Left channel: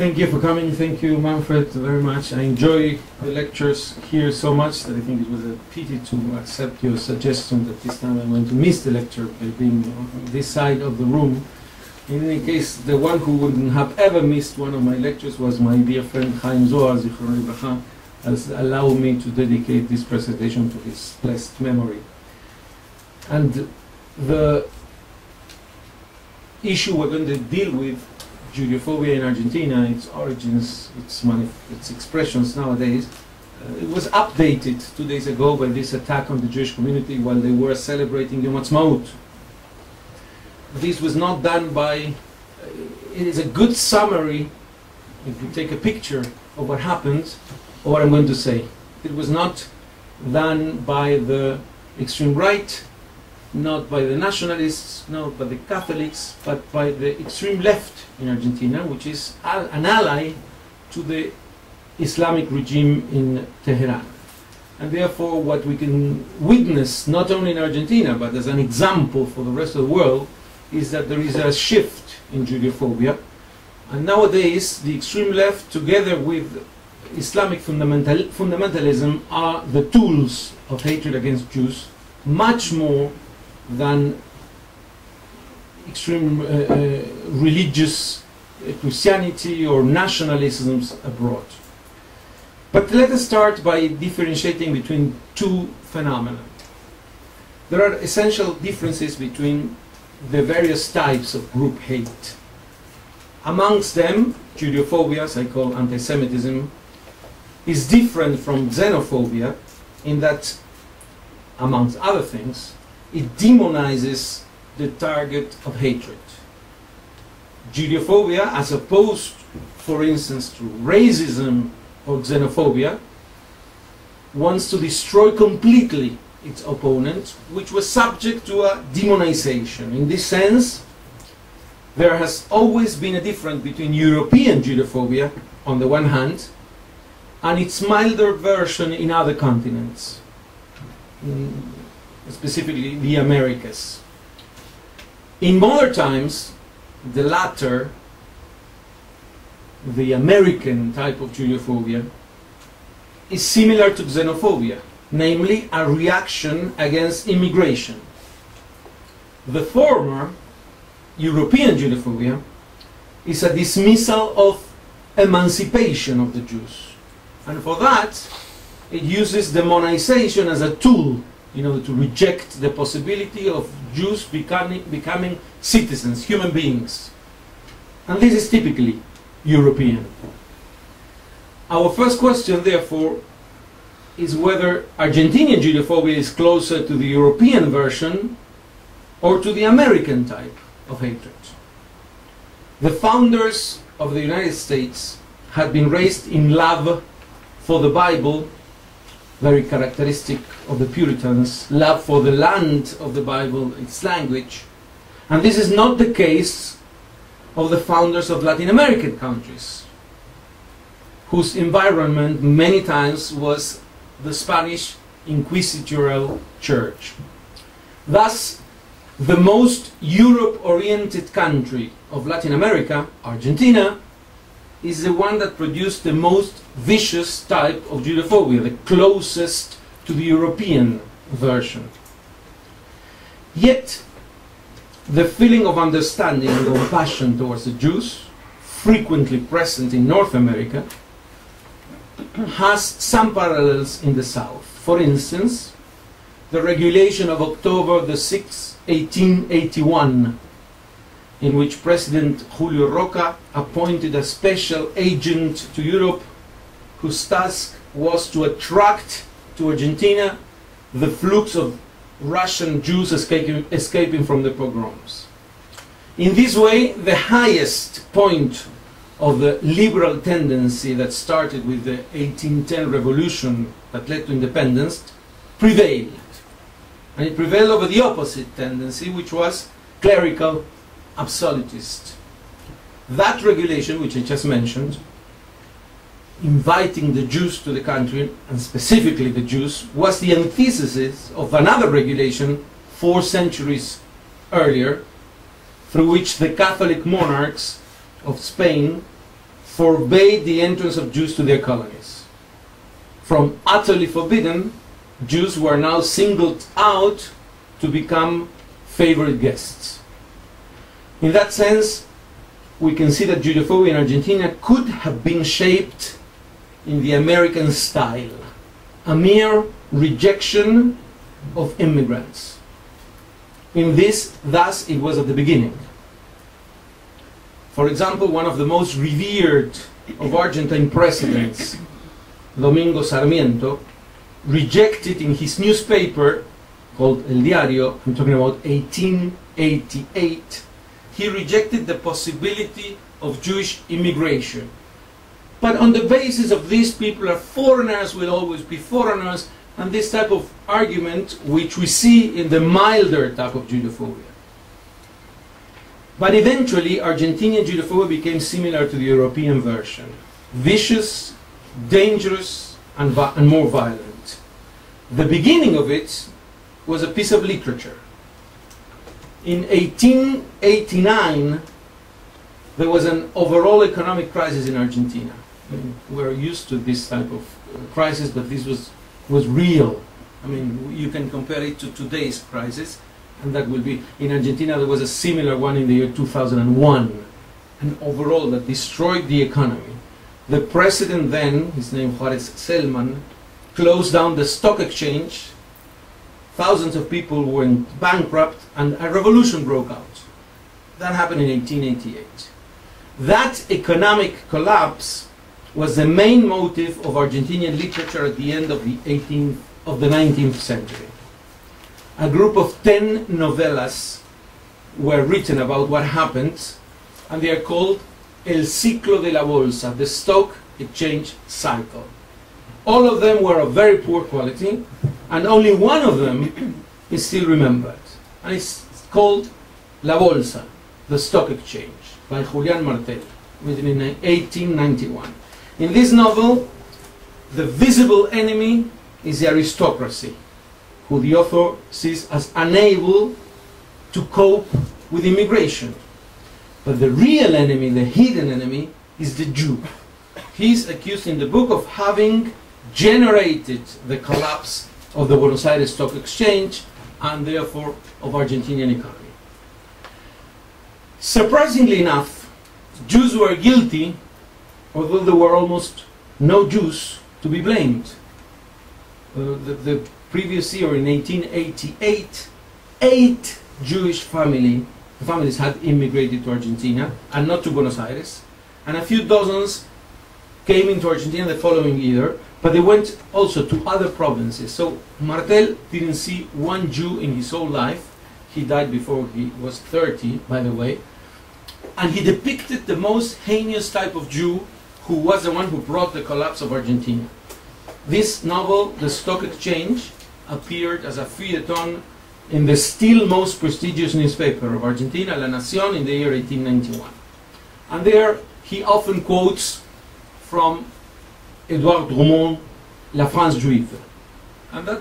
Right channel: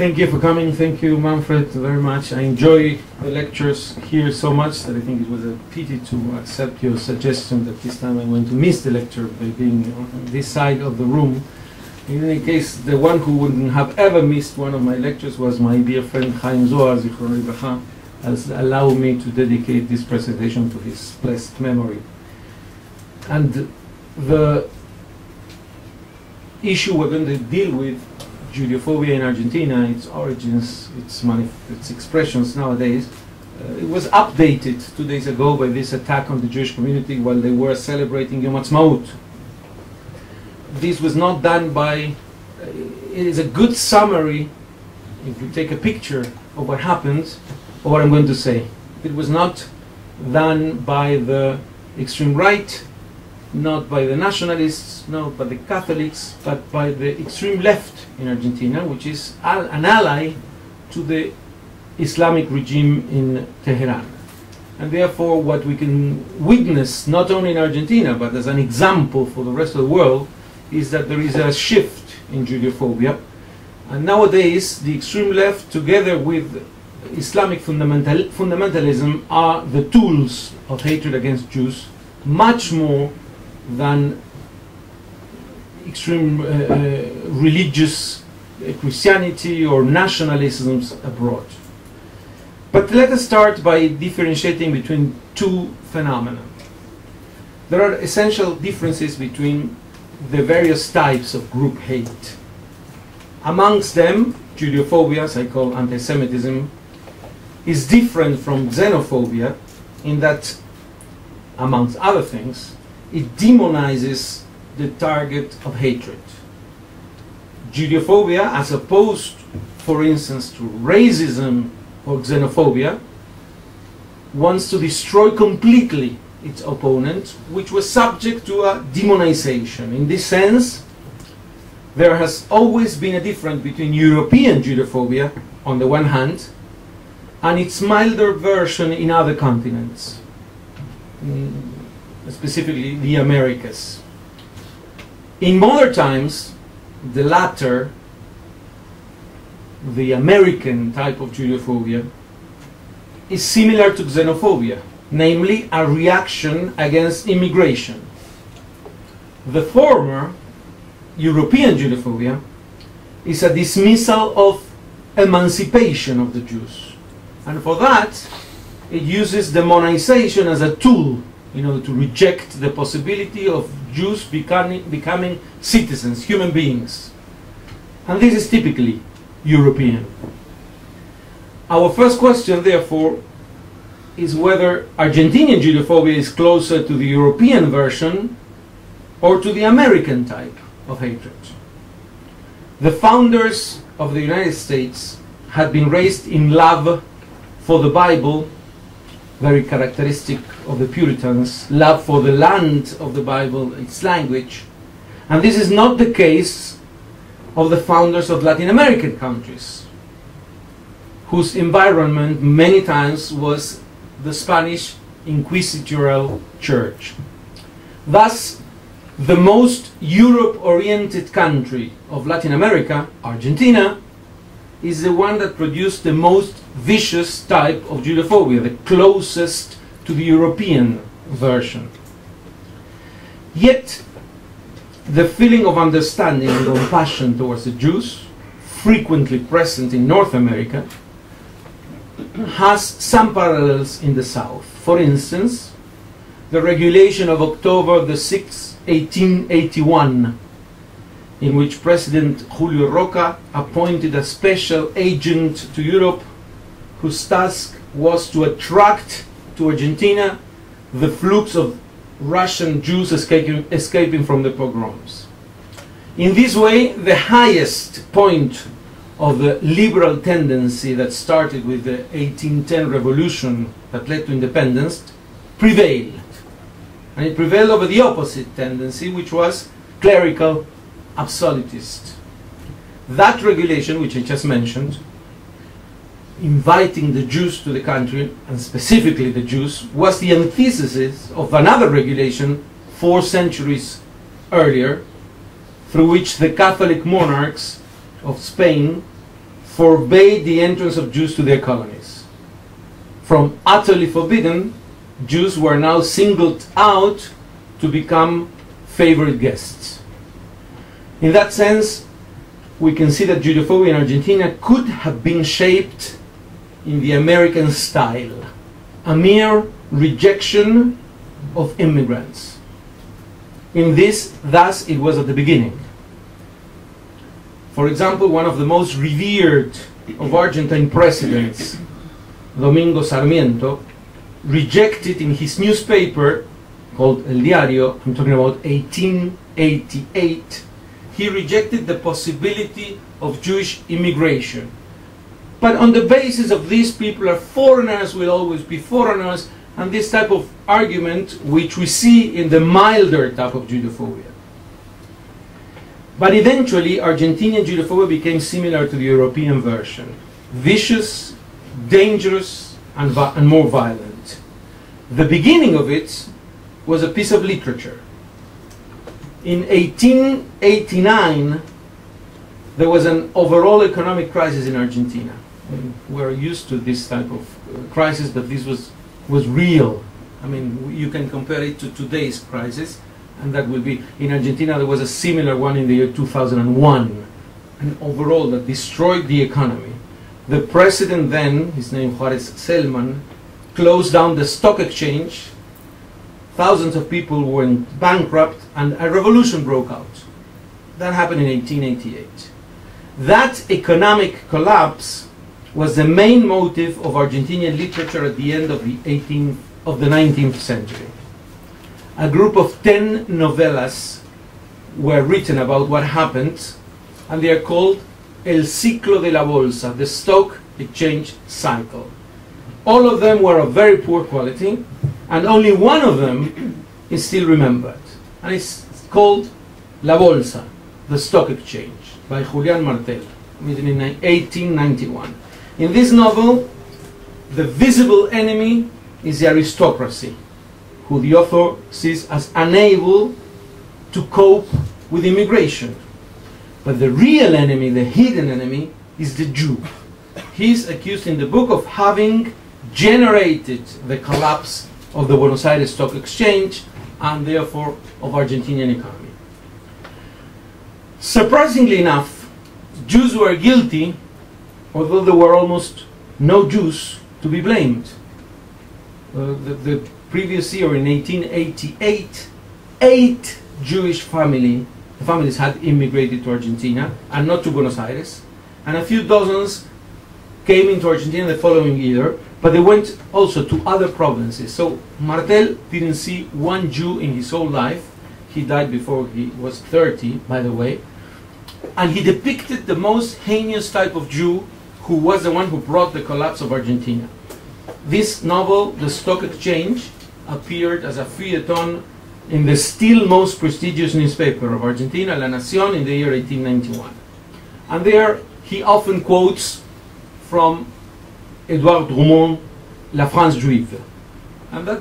Thank you for coming. Thank you, Manfred, very much. I enjoy the lectures here so much that I think it was a pity to accept your suggestion that this time I'm going to miss the lecture by being on this side of the room. In any case, the one who wouldn't have ever missed one of my lectures was my dear friend Chaim Zohar, Zichrono Livracha, has allowed me to dedicate this presentation to his blessed memory. And the issue we're going to deal with, Judeophobia in Argentina, its origins, its expressions nowadays, it was updated 2 days ago by this attack on the Jewish community while they were celebrating Yom Ha'atzmaut. This was not done by, it is a good summary, if we take a picture of what happened, or what I'm going to say. It was not done by the extreme right, not by the nationalists, not by the Catholics, but by the extreme left in Argentina, which is an ally to the Islamic regime in Tehran. And therefore what we can witness, not only in Argentina, but as an example for the rest of the world, is that there is a shift in Judeophobia. And nowadays the extreme left, together with Islamic fundamentalism, are the tools of hatred against Jews, much more than extreme religious Christianity or nationalisms abroad. But let us start by differentiating between two phenomena. There are essential differences between the various types of group hate. Amongst them, Judeophobia, as I call anti-Semitism, is different from xenophobia in that, amongst other things, it demonizes the target of hatred. Judeophobia, as opposed, for instance, to racism or xenophobia, wants to destroy completely its opponent, which was subject to a demonization. In this sense, there has always been a difference between European Judeophobia, on the one hand, and its milder version in other continents, specifically the Americas. In modern times, the latter, the American type of Judeophobia, is similar to xenophobia, namely a reaction against immigration. The former, European Judeophobia, is a dismissal of emancipation of the Jews. And for that, it uses demonization as a tool, to reject the possibility of Jews becoming citizens, human beings. And this is typically European. Our first question, therefore, is whether Argentinian Judeophobia is closer to the European version or to the American type of hatred. The founders of the United States had been raised in love for the Bible, very characteristic of the Puritans, love for the land of the Bible, its language. And this is not the case of the founders of Latin American countries, whose environment many times was the Spanish inquisitorial church. Thus, the most Europe-oriented country of Latin America, Argentina, is the one that produced the most vicious type of Judeophobia, the closest to the European version. Yet, the feeling of understanding and compassion towards the Jews, frequently present in North America, has some parallels in the South. For instance, the regulation of October the 6th, 1881, in which President Julio Roca appointed a special agent to Europe whose task was to attract to Argentina the flux of Russian Jews escaping from the pogroms. In this way, the highest point of the liberal tendency that started with the 1810 revolution that led to independence prevailed. And it prevailed over the opposite tendency, which was clerical absolutist. That regulation, which I just mentioned, inviting the Jews to the country, and specifically the Jews, was the antithesis of another regulation 4 centuries earlier, through which the Catholic monarchs of Spain forbade the entrance of Jews to their colonies. From utterly forbidden, Jews were now singled out to become favorite guests. In that sense, we can see that Judeophobia in Argentina could have been shaped in the American style, a mere rejection of immigrants. Thus it was at the beginning. For example, one of the most revered of Argentine presidents, Domingo Sarmiento, rejected in his newspaper called El Diario, I'm talking about 1888, he rejected the possibility of Jewish immigration. But on the basis of these people are foreigners, will always be foreigners, and this type of argument which we see in the milder type of Judeophobia. But eventually, Argentinian Judeophobia became similar to the European version. Vicious, dangerous, and more violent. The beginning of it was a piece of literature. In 1889, there was an overall economic crisis in Argentina. We're used to this type of crisis, but this was real. I mean, you can compare it to today's crisis, and that will be, in Argentina there was a similar one in the year 2001, and overall that destroyed the economy. The president then, his name Juarez Selman, closed down the stock exchange, thousands of people went bankrupt, and a revolution broke out. That happened in 1888. That economic collapse was the main motive of Argentinian literature at the end of the 19th century. A group of 10 novellas were written about what happened, and they are called El Ciclo de la Bolsa, the stock exchange cycle. All of them were of very poor quality, and only one of them is still remembered. And it's called La Bolsa, the stock exchange, by Julián Martel, written in 1891. In this novel, the visible enemy is the aristocracy, who the author sees as unable to cope with immigration. But the real enemy, the hidden enemy, is the Jew. He's accused in the book of having generated the collapse of the Buenos Aires Stock Exchange and therefore of Argentinian economy. Surprisingly enough, Jews were guilty, although there were almost no Jews to be blamed. The previous year, in 1888, 8 Jewish families had immigrated to Argentina, and not to Buenos Aires, and a few dozens came into Argentina the following year, but they went also to other provinces. So Martel didn't see one Jew in his whole life. He died before he was 30, by the way. And he depicted the most heinous type of Jew, who was the one who brought the collapse of Argentina. This novel, The Stock Exchange, appeared as a feuilleton in the still most prestigious newspaper of Argentina, La Nación, in the year 1891. And there he often quotes from Edouard Drummond, La France Juive. And that,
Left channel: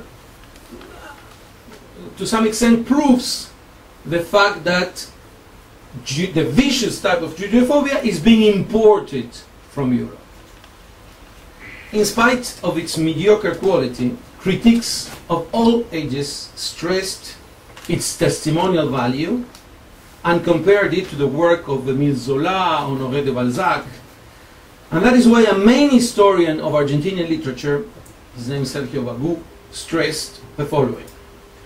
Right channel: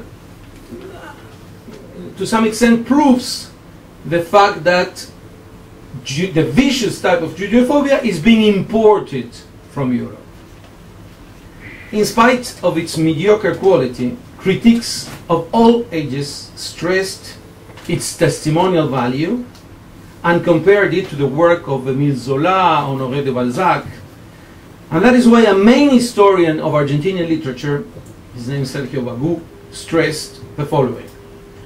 to some extent, proves the fact that the vicious type of Judeophobia is being imported from Europe. In spite of its mediocre quality, critics of all ages stressed its testimonial value and compared it to the work of Émile Zola, Honoré de Balzac. And that is why a main historian of Argentinian literature, his name is Sergio Bagú, stressed the following.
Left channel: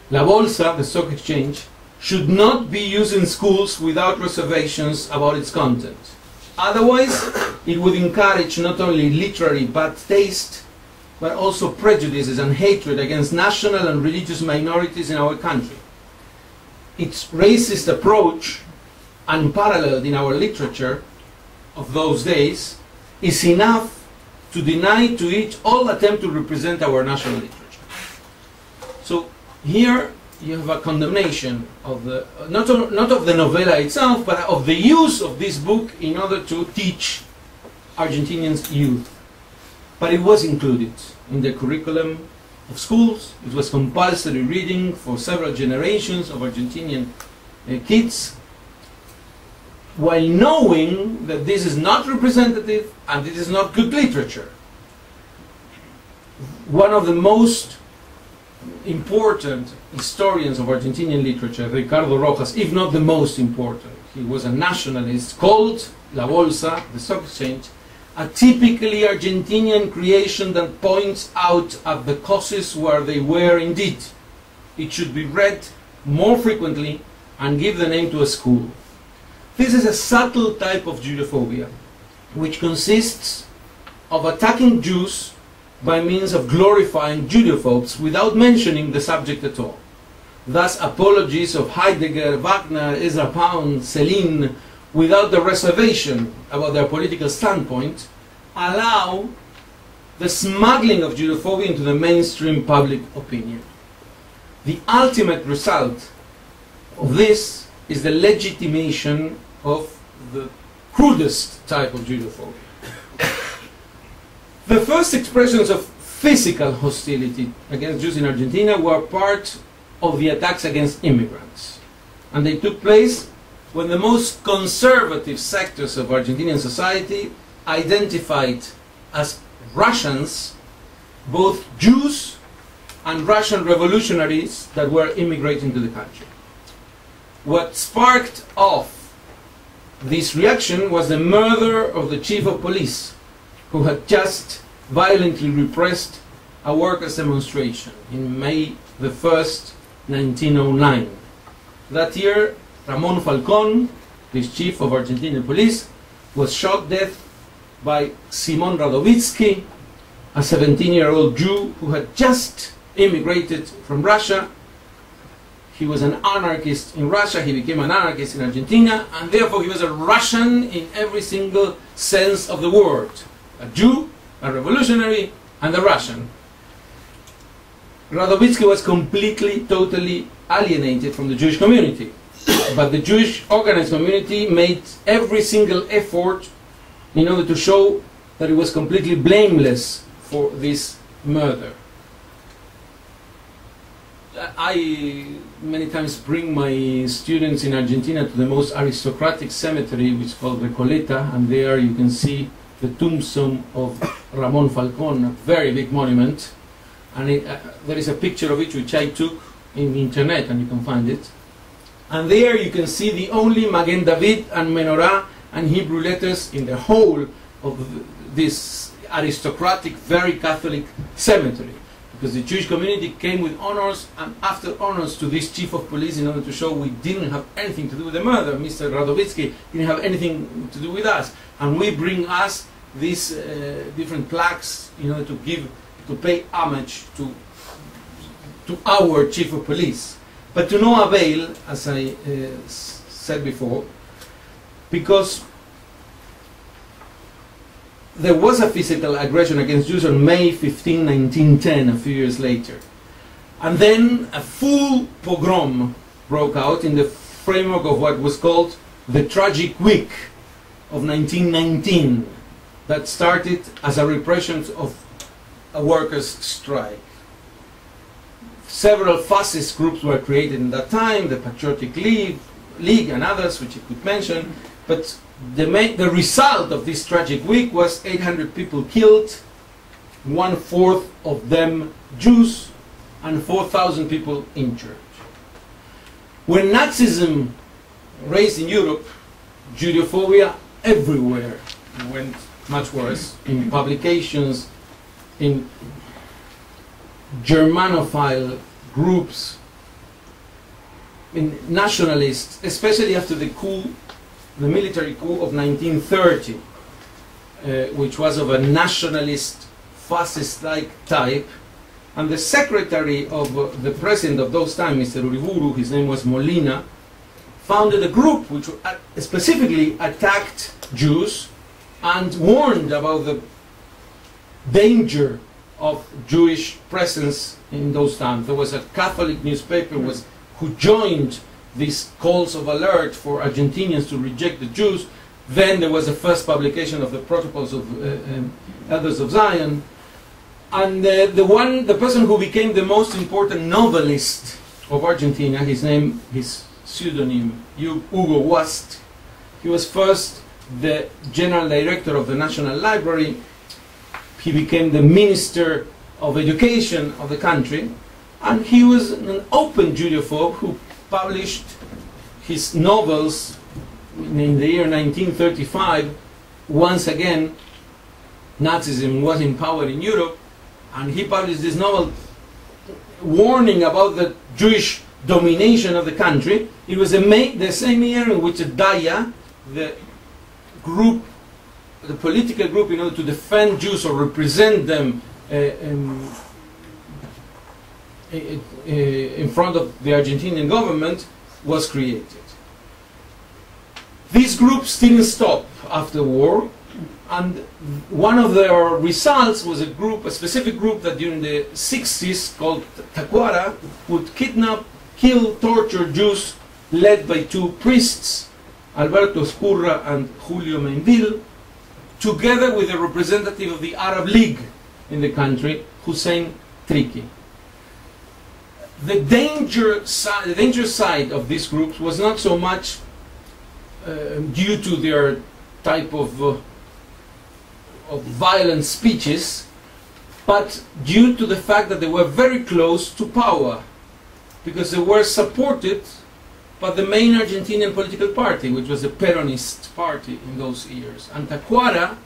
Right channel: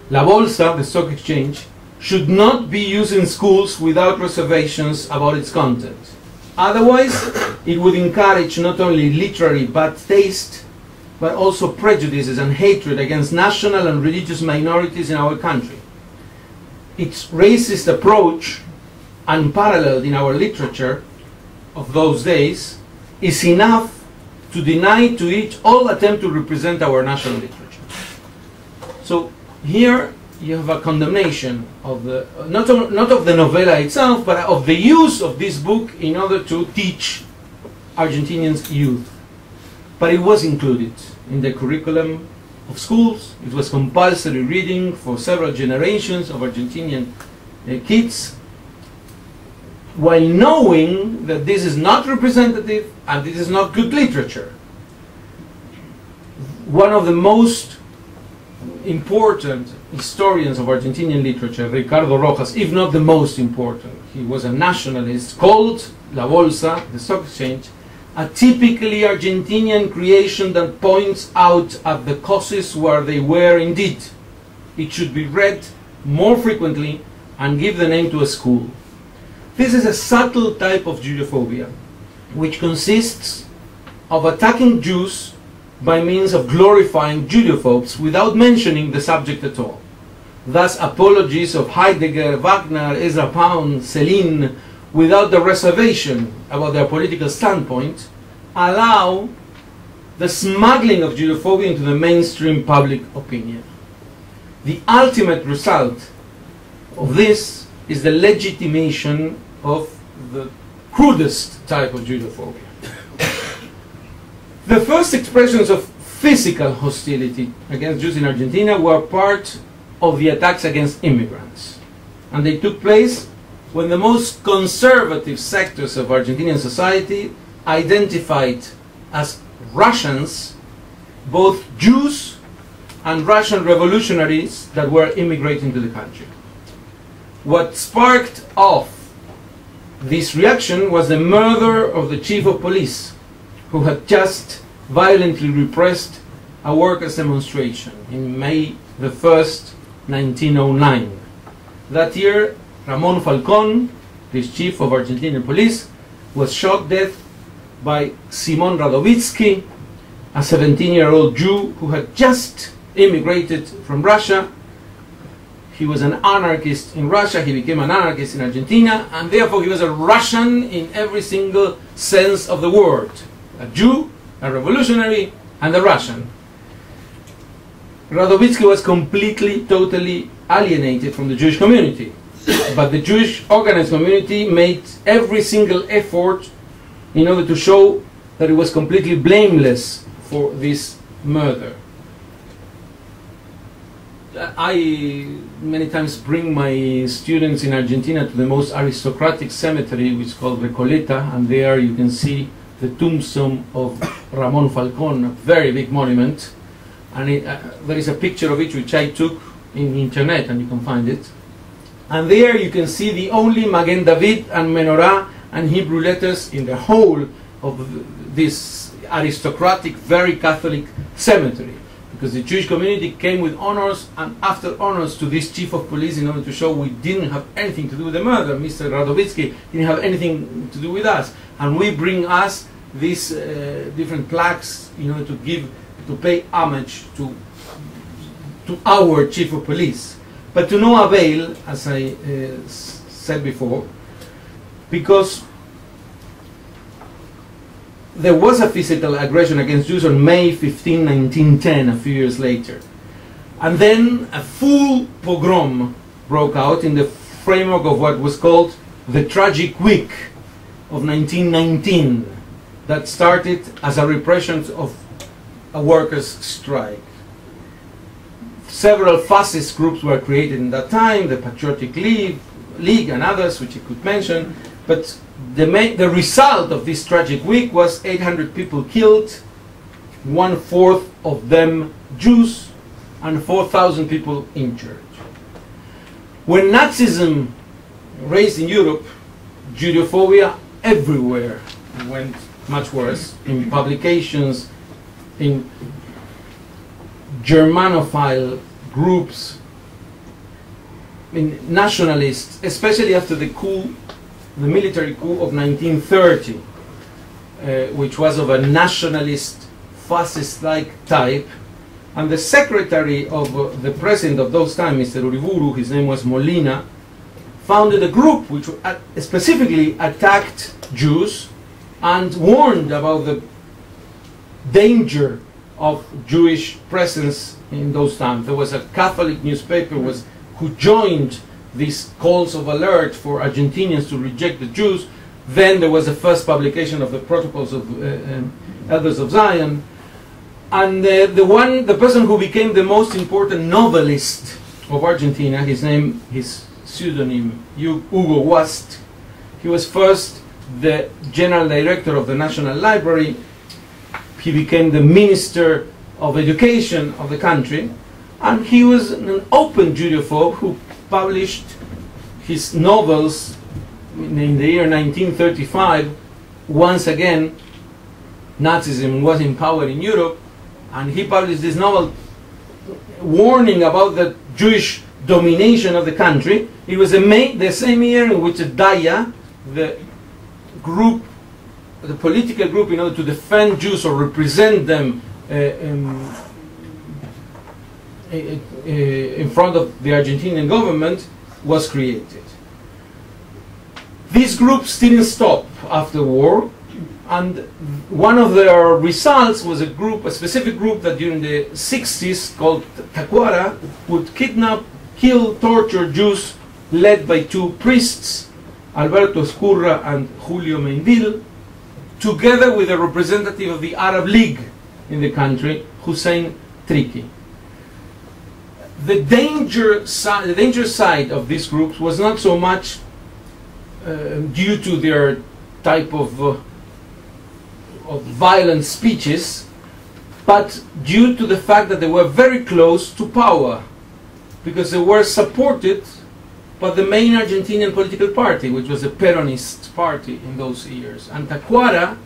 La Bolsa, the stock exchange, should not be used in schools without reservations about its content. Otherwise, it would encourage not only literary bad taste, but also prejudices and hatred against national and religious minorities in our country. Its racist approach, unparalleled in our literature of those days, is enough to deny to it all attempt to represent our national literature. So here you have a condemnation of the, not of the novella itself, but of the use of this book in order to teach Argentinians youth. But it was included in the curriculum of schools. It was compulsory reading for several generations of Argentinian kids. while knowing that this is not representative and this is not good literature. One of the most important historians of Argentinian literature, Ricardo Rojas, if not the most important, he was a nationalist, called La Bolsa, the stock exchange, a typically Argentinian creation that points out at the causes where they were indeed. It should be read more frequently and give the name to a school. This is a subtle type of Judeophobia, which consists of attacking Jews by means of glorifying Judeophobes without mentioning the subject at all. Thus, apologies of Heidegger, Wagner, Ezra Pound, Celine, without the reservation about their political standpoint, allow the smuggling of Judeophobia into the mainstream public opinion. The ultimate result of this is the legitimation of the crudest type of Judeophobia. The first expressions of physical hostility against Jews in Argentina were part of the attacks against immigrants. And they took place when the most conservative sectors of Argentinian society identified as Russians both Jews and Russian revolutionaries that were immigrating to the country. What sparked off this reaction was the murder of the chief of police, who had just violently repressed a workers' demonstration in May the 1st, 1909. That year, Ramon Falcón, this chief of Argentinian police, was shot dead by Simon Radovitsky, a 17-year-old Jew who had just immigrated from Russia. He was an anarchist in Russia, he became an anarchist in Argentina, and therefore he was a Russian in every single sense of the word. A Jew, a revolutionary, and a Russian. Radovitsky was completely, totally alienated from the Jewish community. But the Jewish organized community made every single effort in order to show that it was completely blameless for this murder. I many times bring my students in Argentina to the most aristocratic cemetery, which is called Recoleta, and there you can see the tombstone of Ramon Falcón, a very big monument, and there is a picture of it which I took in the internet, and you can find it. And there you can see the only Magen David and Menorah and Hebrew letters in the whole of this aristocratic, very Catholic cemetery. Because the Jewish community came with honors and after honors to this chief of police in order to show we didn't have anything to do with the murder. Mr. Radovitsky didn't have anything to do with us. And we bring us these different plaques in order to pay homage to our chief of police. But to no avail, as I said before, because there was a physical aggression against Jews on May 15, 1910, a few years later. And then a full pogrom broke out in the framework of what was called the Tragic Week of 1919, that started as a repression of a workers' strike. Several fascist groups were created in that time, the Patriotic League and others, which you could mention, but the result of this tragic week was 800 people killed, 1/4 of them Jews, and 4,000 people injured. When Nazism raised in Europe, Judeophobia everywhere went much worse, in publications, in Germanophile groups, in nationalists, especially after the coup, the military coup of 1930, which was of a nationalist, fascist-like type. And the secretary of the president of those times, Mr. Uriburu, his name was Molina, founded a group which specifically attacked Jews and warned about the danger of Jewish presence in those times. There was a Catholic newspaper who joined these calls of alert for Argentinians to reject the Jews. Then there was the first publication of the Protocols of Elders of Zion. And the person who became the most important novelist of Argentina, his pseudonym, Hugo Wast, He was first the general director of the National Library. He became the Minister of Education of the country. And he was an open Judeophobe who published his novels in the year 1935. Once again, Nazism was in power in Europe, and he published this novel warning about the Jewish domination of the country. It was the same year in which Daya, the group, the political group, in order to defend Jews or represent them in front of the Argentinian government, was created. These groups didn't stop after war, and one of their results was a specific group that during the 60s called Tacuara would kidnap, kill, torture Jews, led by two priests, Alberto Escurra and Julio Mendil, together with a representative of the Arab League in the country, Hussein Triki. The danger side of these groups was not so much due to their type of violent speeches, but due to the fact that they were very close to power, because they were supported by the main Argentinian political party, which was the Peronist party in those years. And Tacuara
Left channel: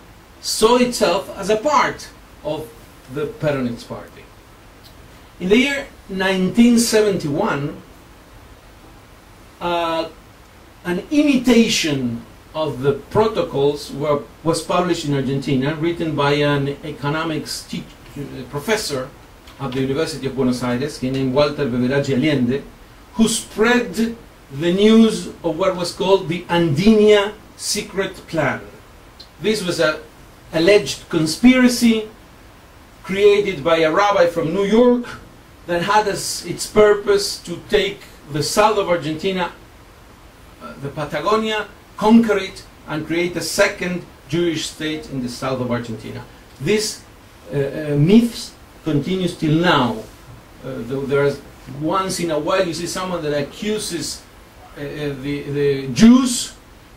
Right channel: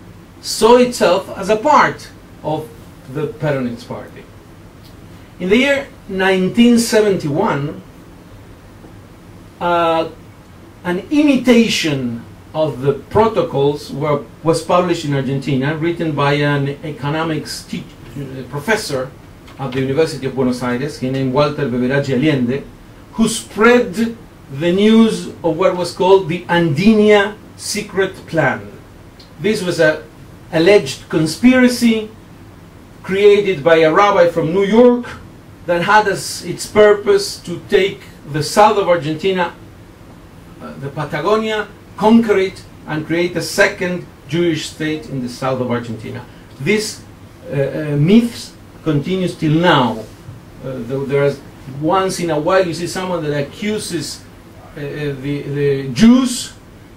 saw itself as a part of the Peronist party. In the year 1971, an imitation of the protocols was published in Argentina, written by an economics professor at the University of Buenos Aires, he named Walter Beberaggi Allende, who spread the news of what was called the Andinia secret plan. This was an alleged conspiracy created by a rabbi from New York that had as its purpose to take the south of Argentina, the Patagonia, conquer it, and create a second Jewish state in the south of Argentina. This myth continues till now. There's once in a while you see someone that accuses the Jews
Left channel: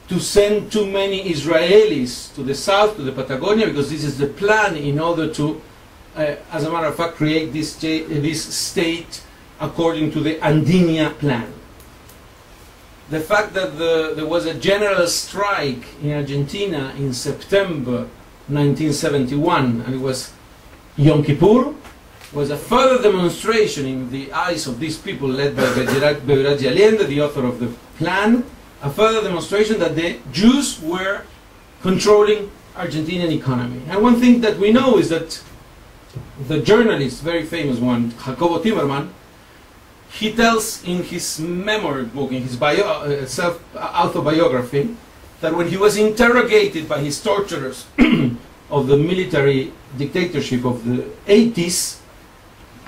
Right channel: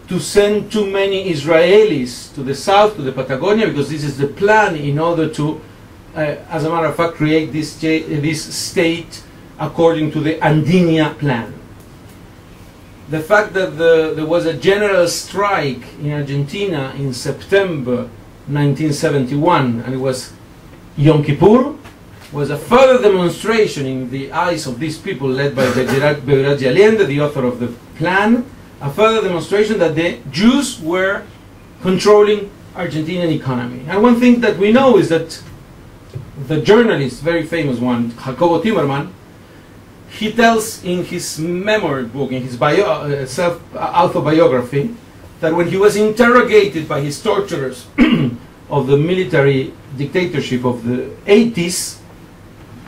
to send too many Israelis to the south, to the Patagonia, because this is the plan in order to, as a matter of fact, create this state according to the Andinia plan. The fact that there was a general strike in Argentina in September 1971, and it was Yom Kippur, was a further demonstration in the eyes of these people led by Beberaggi Allende, the author of the plan, a further demonstration that the Jews were controlling Argentinian economy. And one thing that we know is that the journalist, very famous one, Jacobo Timerman, he tells in his memoir book, in his self-autobiography, that when he was interrogated by his torturers of the military dictatorship of the 80s,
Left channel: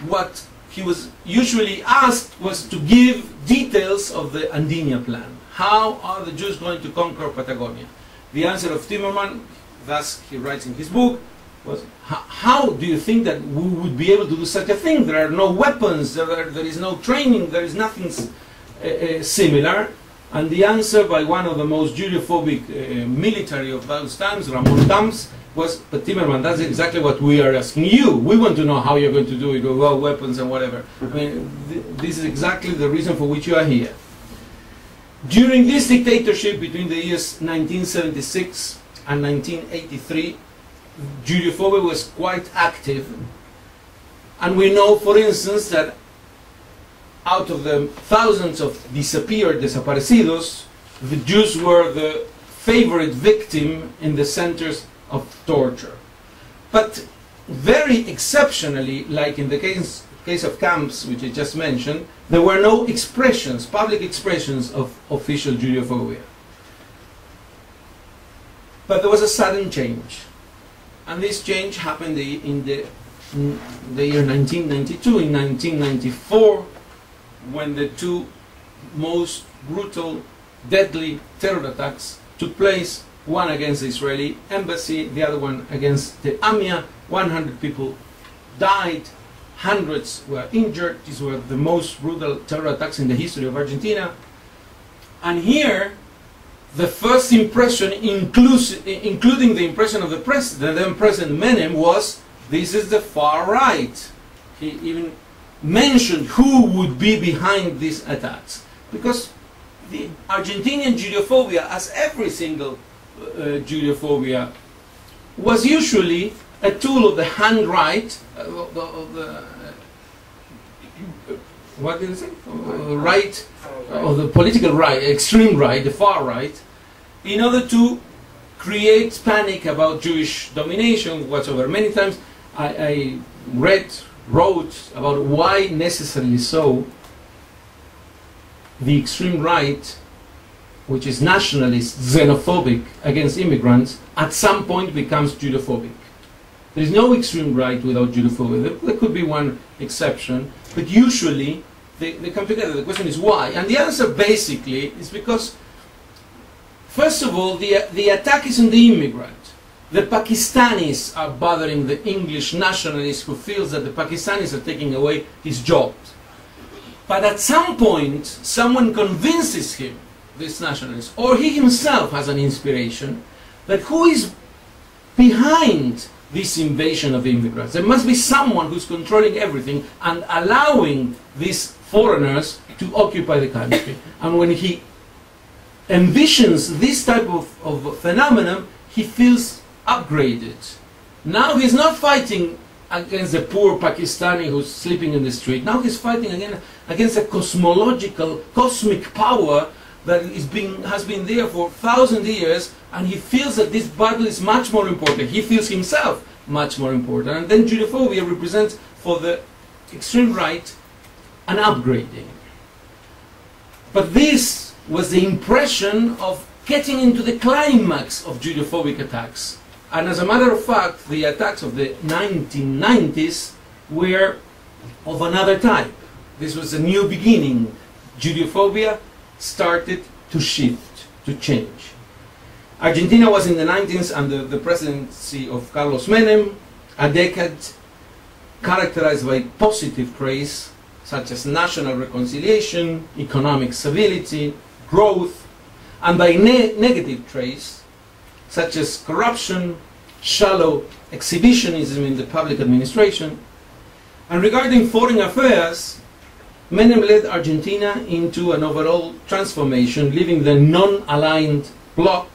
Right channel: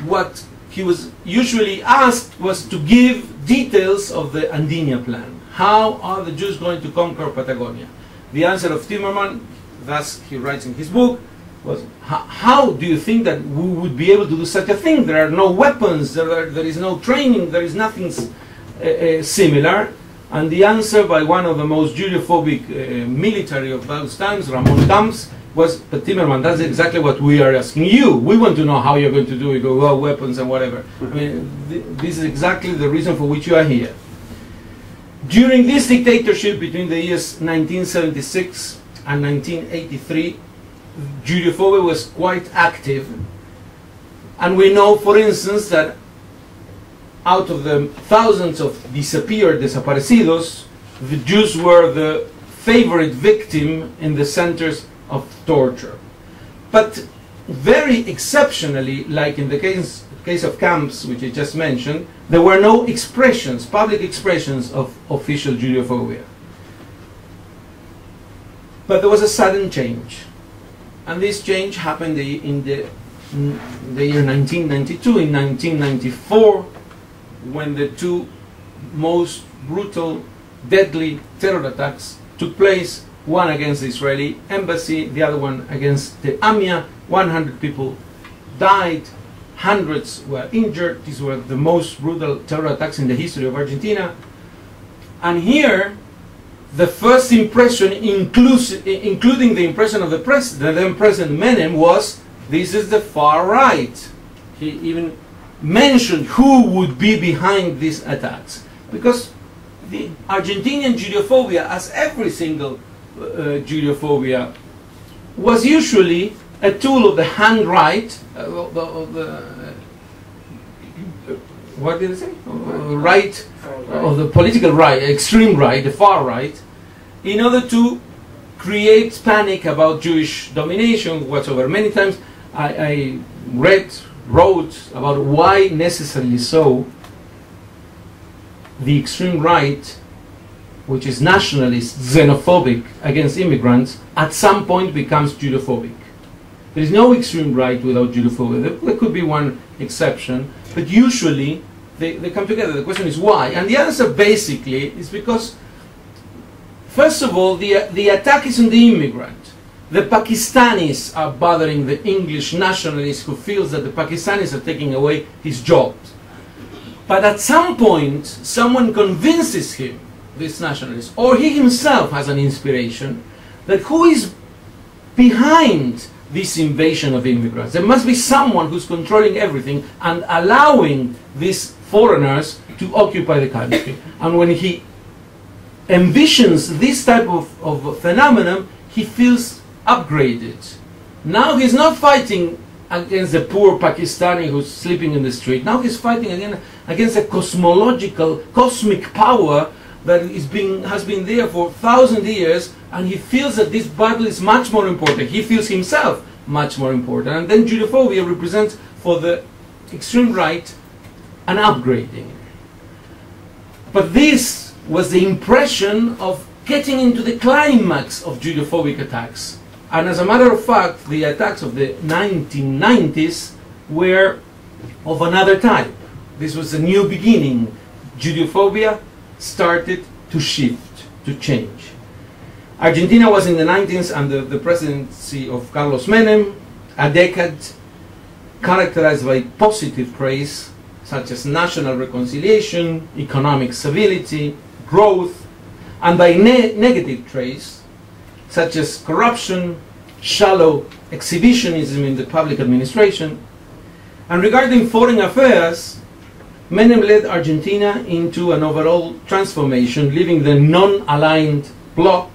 what he was usually asked was to give details of the Andinia plan. How are the Jews going to conquer Patagonia? The answer of Timerman, thus he writes in his book, was, how do you think that we would be able to do such a thing? There are no weapons, there is no training, there is nothing similar. And the answer by one of the most Judeophobic military of those times, Ramon Camps, was, but Timerman, that's exactly what we are asking you. We want to know how you're going to do it, well, weapons and whatever. I mean, this is exactly the reason for which you are here. During this dictatorship between the years 1976 and 1983, Judeophobia was quite active, and we know, for instance, that out of the thousands of desaparecidos, the Jews were the favorite victim in the centers of torture. But very exceptionally, like in the case of camps, which I just mentioned, there were no expressions, public expressions of official Judeophobia. But there was a sudden change. And this change happened in the year 1992, in 1994, when the two most brutal, deadly terror attacks took place, one against the Israeli embassy, the other one against the AMIA. 100 people died, hundreds were injured. These were the most brutal terror attacks in the history of Argentina. And here, the first impression, including the impression of the president, then President Menem, was this is the far right. He even mentioned who would be behind these attacks. Because the Argentinian Judeophobia, as every single Judeophobia, was usually a tool of the hand-right, what did it say? Right, of the political right, extreme right, the far right, in order to create panic about Jewish domination whatsoever. Many times I wrote about why necessarily so the extreme right, which is nationalist, xenophobic against immigrants, at some point becomes Judophobic. There is no extreme right without Judeophobia. There could be one exception, but usually they come together. The question is why? And the answer basically is because, first of all, the attack is on the immigrant. The Pakistanis are bothering the English nationalist who feels that the Pakistanis are taking away his jobs. But at some point, someone convinces him, this nationalist, or he himself has an inspiration, that who is behind this invasion of immigrants? There must be someone who's controlling everything and allowing these foreigners to occupy the country. And when he envisions this type of phenomenon, he feels upgraded. Now he's not fighting against the poor Pakistani who's sleeping in the street. Now he's fighting again against a cosmological, cosmic power that has been there for 1,000 years, and he feels that this battle is much more important. He feels himself much more important. And then Judeophobia represents for the extreme right an upgrading. But this was the impression of getting into the climax of Judeophobic attacks. And as a matter of fact, the attacks of the 1990s were of another type. This was a new beginning. Judeophobia started to shift, to change. Argentina was in the 90s under the presidency of Carlos Menem, a decade characterized by positive traits such as national reconciliation, economic stability, growth, and by negative traits such as corruption, shallow exhibitionism in the public administration. And regarding foreign affairs, Menem led Argentina into an overall transformation, leaving the non-aligned bloc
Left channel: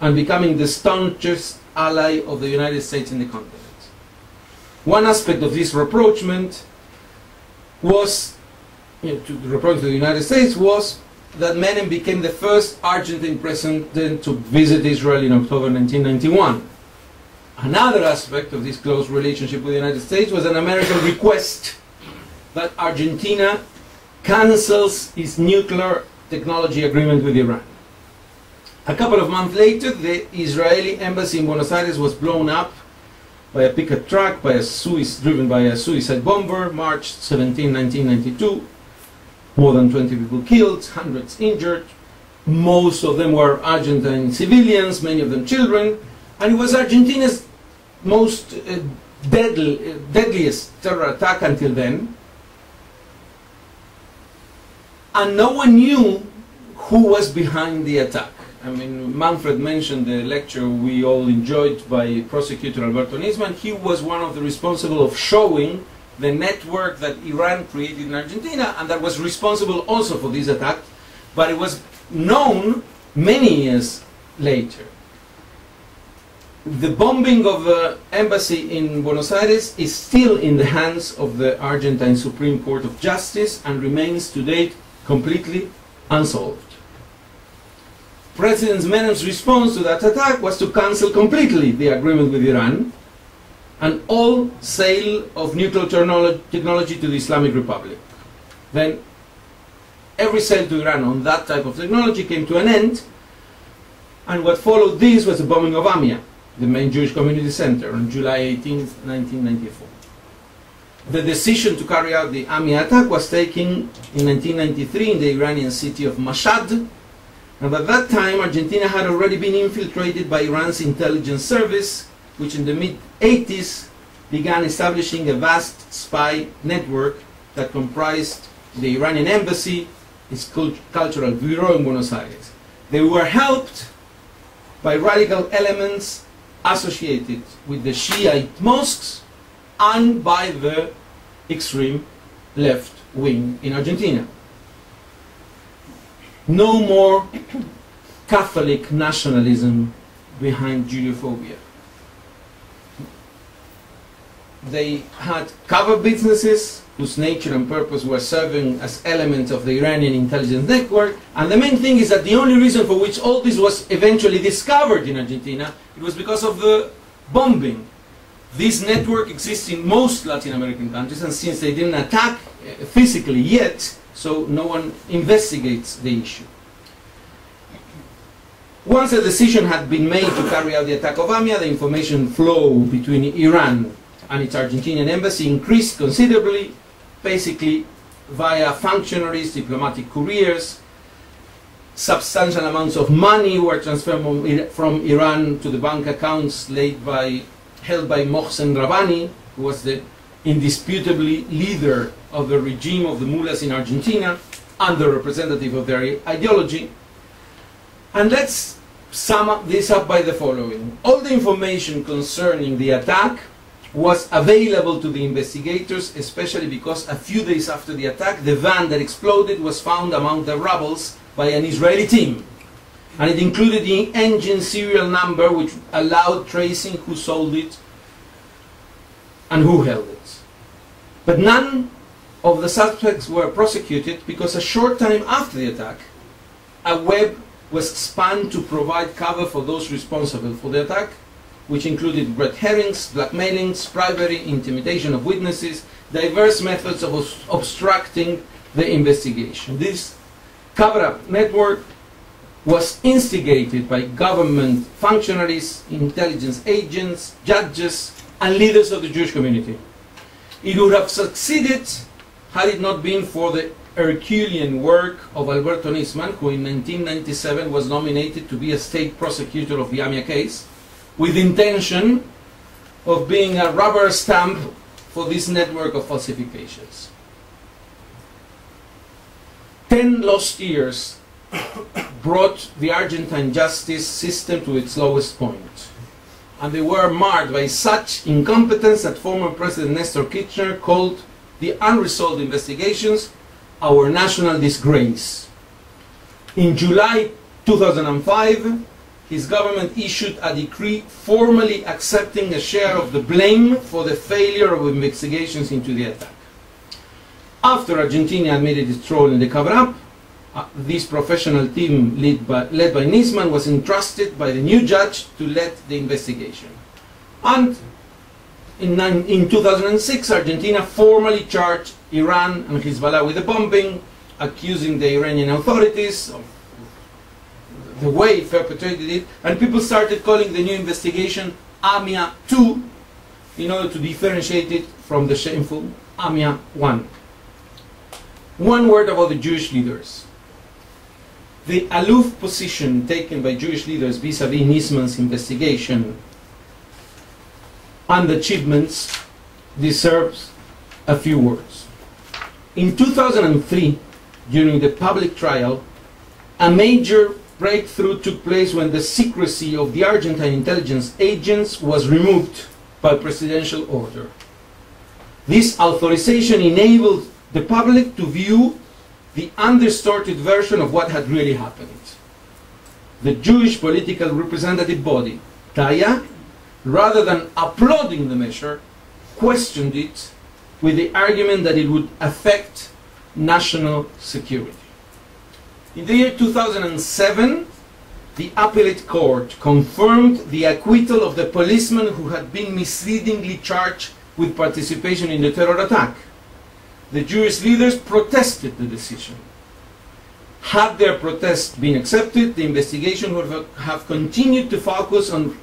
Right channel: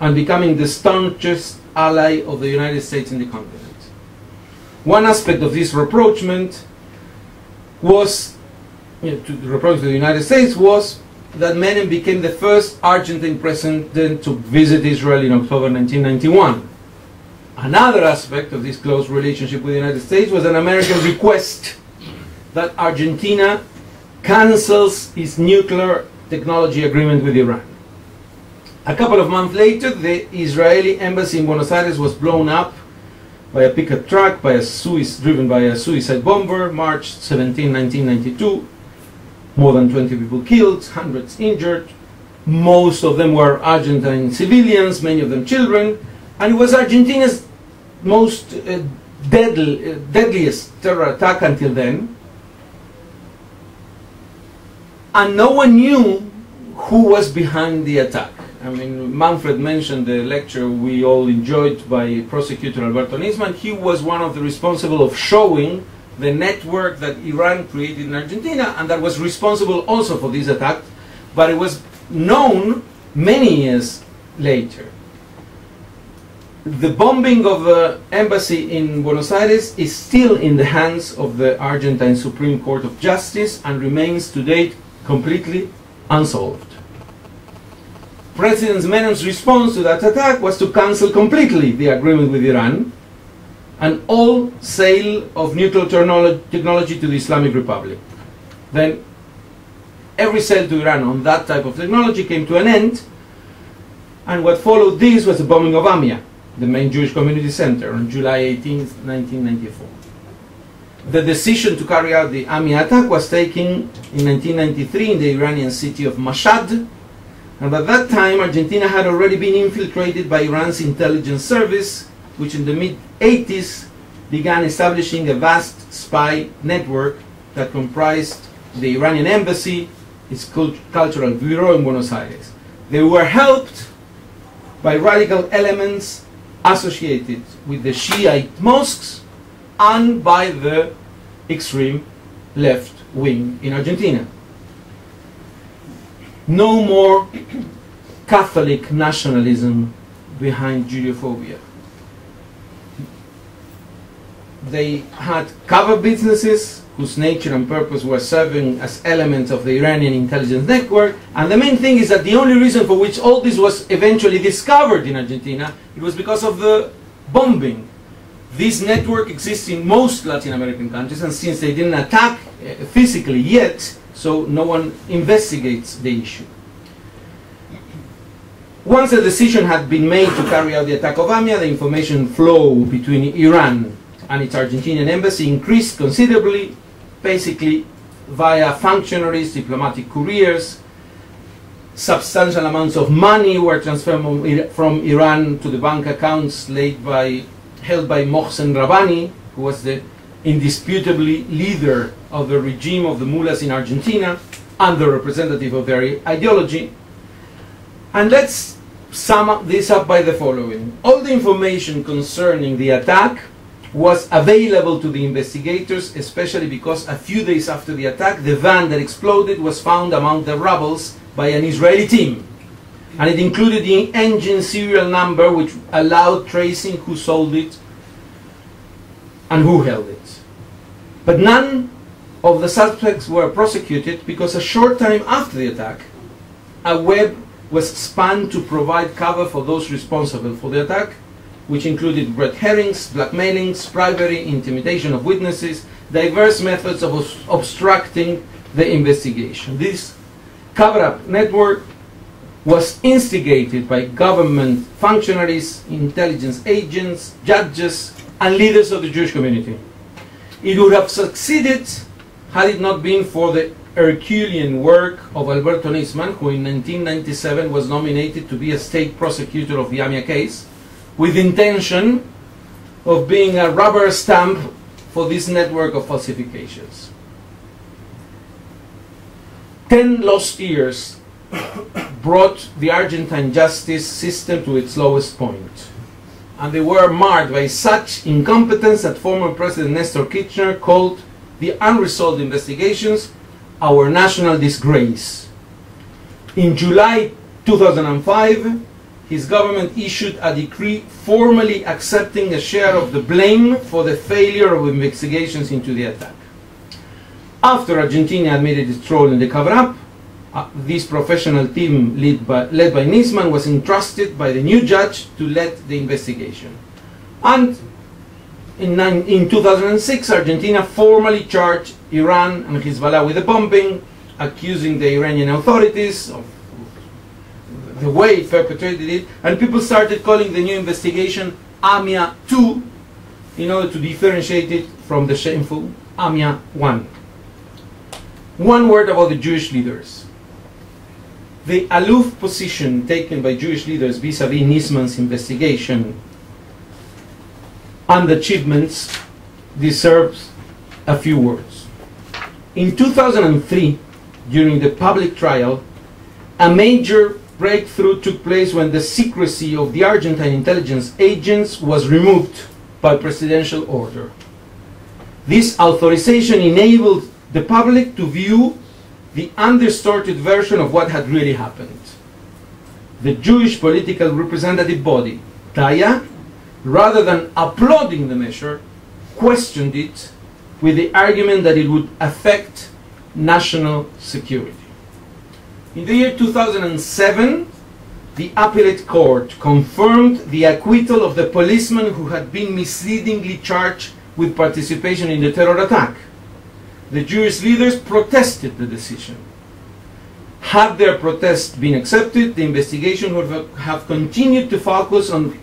and becoming the staunchest ally of the United States in the continent. One aspect of this rapprochement was, to reproach the United States, was that Menem became the first Argentine president to visit Israel in October 1991. Another aspect of this close relationship with the United States was an American request that Argentina cancels its nuclear technology agreement with Iran. A couple of months later, the Israeli embassy in Buenos Aires was blown up by a pickup truck driven by a suicide bomber, March 17, 1992. More than 20 people killed, hundreds injured. Most of them were Argentine civilians, many of them children. And it was Argentina's most deadliest terror attack until then. And no one knew who was behind the attack. I mean, Manfred mentioned the lecture we all enjoyed by prosecutor Alberto Nisman. He was one of the responsible of showing the network that Iran created in Argentina, and that was responsible also for this attack, but it was known many years later. The bombing of the embassy in Buenos Aires is still in the hands of the Argentine Supreme Court of Justice and remains to date completely unsolved. President Menem's response to that attack was to cancel completely the agreement with Iran and all sale of nuclear technology to the Islamic Republic. Then every sale to Iran on that type of technology came to an end, and what followed this was the bombing of Amia, the main Jewish community center, on July 18, 1994. The decision to carry out the Amia attack was taken in 1993 in the Iranian city of Mashhad, and at that time Argentina had already been infiltrated by Iran's intelligence service, which in the mid-80s began establishing a vast spy network that comprised the Iranian embassy, its cultural bureau in Buenos Aires. They were helped by radical elements associated with the Shiite mosques and by the extreme left wing in Argentina. No more Catholic nationalism behind Judeophobia. They had cover businesses whose nature and purpose were serving as elements of the Iranian intelligence network, and the main thing is that the only reason for which all this was eventually discovered in Argentina, it was because of the bombing. This network exists in most Latin American countries, and since they didn't attack physically yet, so no one investigates the issue. Once a decision had been made to carry out the attack of AMIA, the information flow between Iran and its Argentinian embassy increased considerably, basically via functionaries, diplomatic couriers. Substantial amounts of money were transferred from Iran to the bank accounts held by Mohsen Rabbani, who was the indisputably leader of the regime of the mullahs in Argentina and the representative of their ideology. And let's sum this up by the following. All the information concerning the attack was available to the investigators, especially because a few days after the attack, the van that exploded was found among the rubble by an Israeli team. And it included the engine serial number, which allowed tracing who sold it and who held it. But none of the suspects were prosecuted because a short time after the attack, a web was spun to provide cover for those responsible for the attack, which included red herrings, blackmailings, bribery, intimidation of witnesses, diverse methods of obstructing the investigation. This cover-up network was instigated by government functionaries, intelligence agents, judges, and leaders of the Jewish community. It would have succeeded had it not been for the Herculean work of Alberto Nisman, who in 1997 was nominated to be a state prosecutor of the AMIA case, with intention of being a rubber stamp for this network of falsifications. 10 lost years brought the Argentine justice system to its lowest point. And they were marred by such incompetence that former President Nestor Kirchner called the unresolved investigations our national disgrace. In July 2005, his government issued a decree formally accepting a share of the blame for the failure of investigations into the attack. After Argentina admitted its role in the cover-up, this professional team led by Nisman was entrusted by the new judge to lead the investigation. And in 2006, Argentina formally charged Iran and Hezbollah with the bombing, accusing the Iranian authorities of the way it perpetrated it, and people started calling the new investigation AMIA 2 in order to differentiate it from the shameful AMIA 1. One word about the Jewish leaders. The aloof position taken by Jewish leaders vis-à-vis Nisman's investigation and achievements deserves a few words. In 2003, during the public trial, a major breakthrough took place when the secrecy of the Argentine intelligence agents was removed by presidential order. This authorization enabled the public to view the undistorted version of what had really happened. The Jewish political representative body, Taya, rather than applauding the measure, questioned it with the argument that it would affect national security. In the year 2007, the appellate court confirmed the acquittal of the policeman who had been misleadingly charged with participation in the terror attack. The Jewish leaders protested the decision. Had their protest been accepted, the investigation would have continued to focus on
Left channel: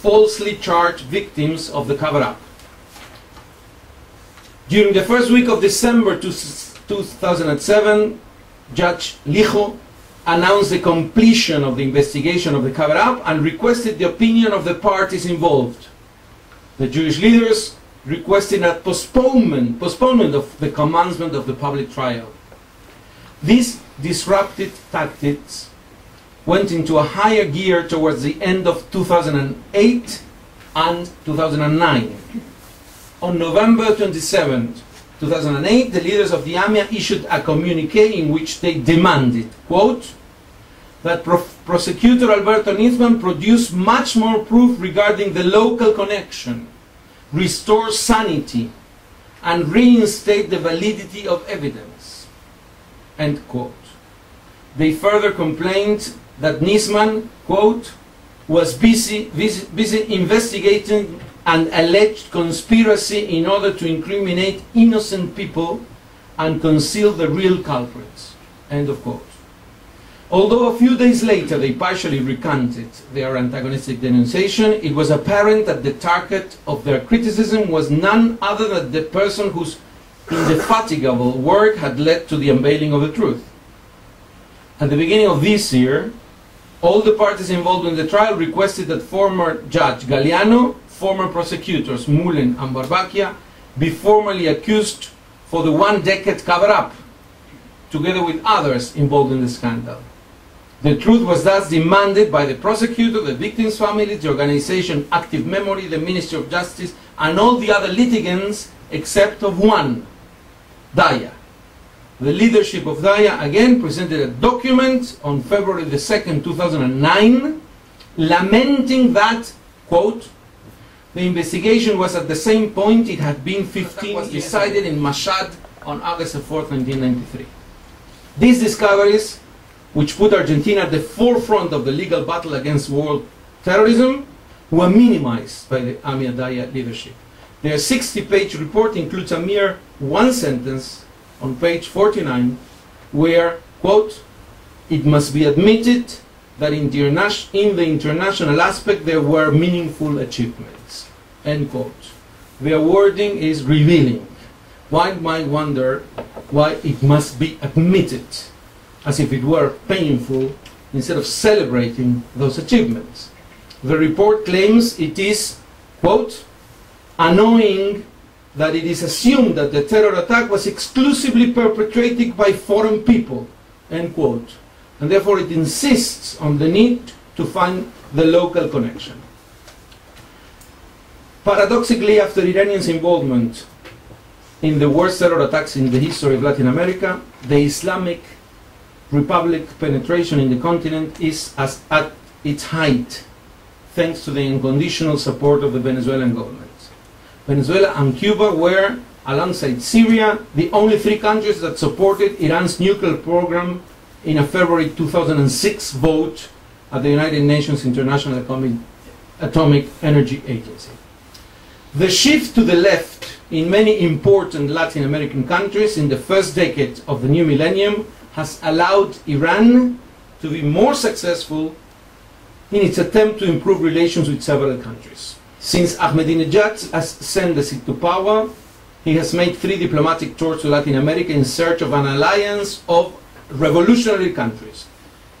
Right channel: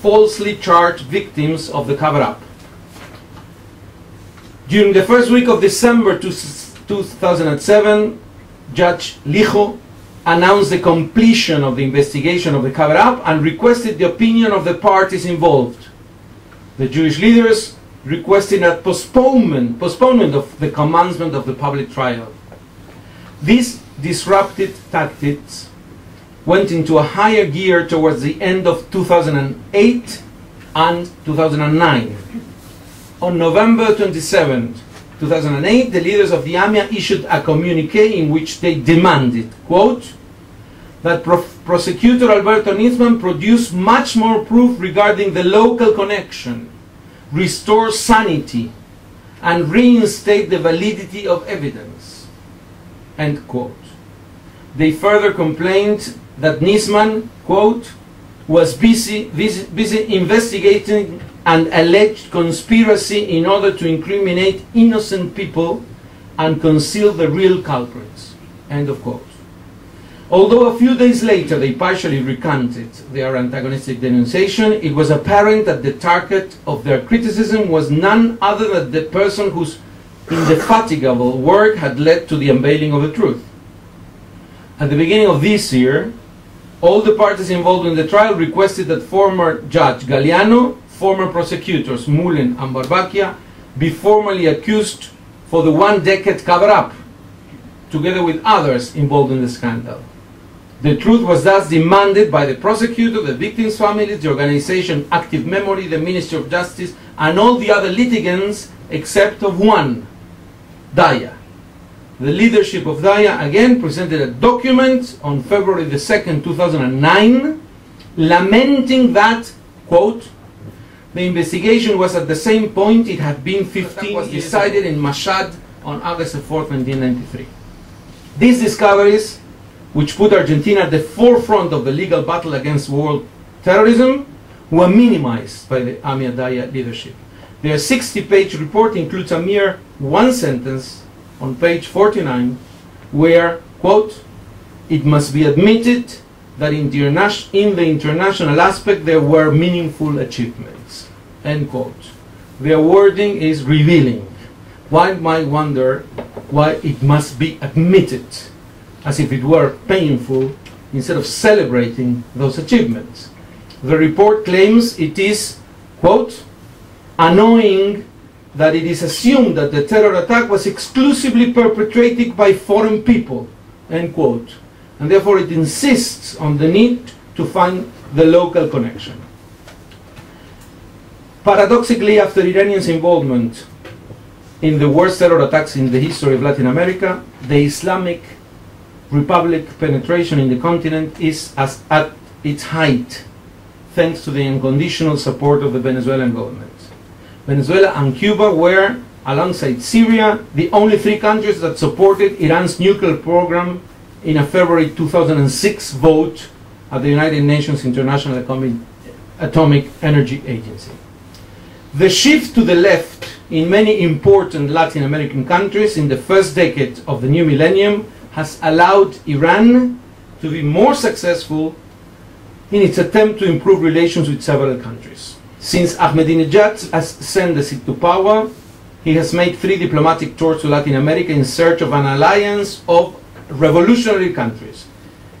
falsely charged victims of the cover-up. During the first week of December 2007, Judge Lijo announced the completion of the investigation of the cover-up and requested the opinion of the parties involved. The Jewish leaders requested a postponement of the commencement of the public trial. These disruptive tactics went into a higher gear towards the end of 2008 and 2009. On November 27, 2008, the leaders of the AMIA issued a communique in which they demanded, quote, that Prosecutor Alberto Nisman produce much more proof regarding the local connection, restore sanity, and reinstate the validity of evidence, end quote. They further complained that Nisman, quote, was busy investigating an alleged conspiracy in order to incriminate innocent people and conceal the real culprits, end of quote. Although a few days later they partially recanted their antagonistic denunciation, it was apparent that the target of their criticism was none other than the person whose indefatigable work had led to the unveiling of the truth. At the beginning of this year, all the parties involved in the trial requested that former Judge Galeano, former prosecutors Mullen and Barbacchia be formally accused for the one-decade cover-up, together with others involved in the scandal. The truth was thus demanded by the prosecutor, the victims' families, the organization Active Memory, the Ministry of Justice, and all the other litigants except of one, Daya. The leadership of Daya again presented a document on February the 2nd, 2009, lamenting that, quote, the investigation was at the same point it had been 15 was decided in Mashhad on August 4th, 1993. These discoveries, which put Argentina at the forefront of the legal battle against world terrorism, were minimized by the AMIA Daya leadership. Their 60-page report includes a mere one sentence on page 49, where, quote, it must be admitted that in the international aspect there were meaningful achievements, end quote. Their wording is revealing. One might wonder why it must be admitted, as if it were painful, instead of celebrating those achievements. The report claims it is, quote, annoying that it is assumed that the terror attack was exclusively perpetrated by foreign people, end quote, and therefore it insists on the need to find the local connection. Paradoxically, after Iranians' involvement in the worst terror attacks in the history of Latin America, the Islamic Republic penetration in the continent is at its height, thanks to the unconditional support of the Venezuelan government. Venezuela and Cuba were, alongside Syria, the only three countries that supported Iran's nuclear program in a February 2006 vote at the United Nations International Atomic Energy Agency. The shift to the left in many important Latin American countries in the first decade of the new millennium has allowed Iran to be more successful in its attempt to improve relations with several countries. Since Ahmadinejad has ascended to power, he has made 3 diplomatic tours to Latin America in search of an alliance of revolutionary countries.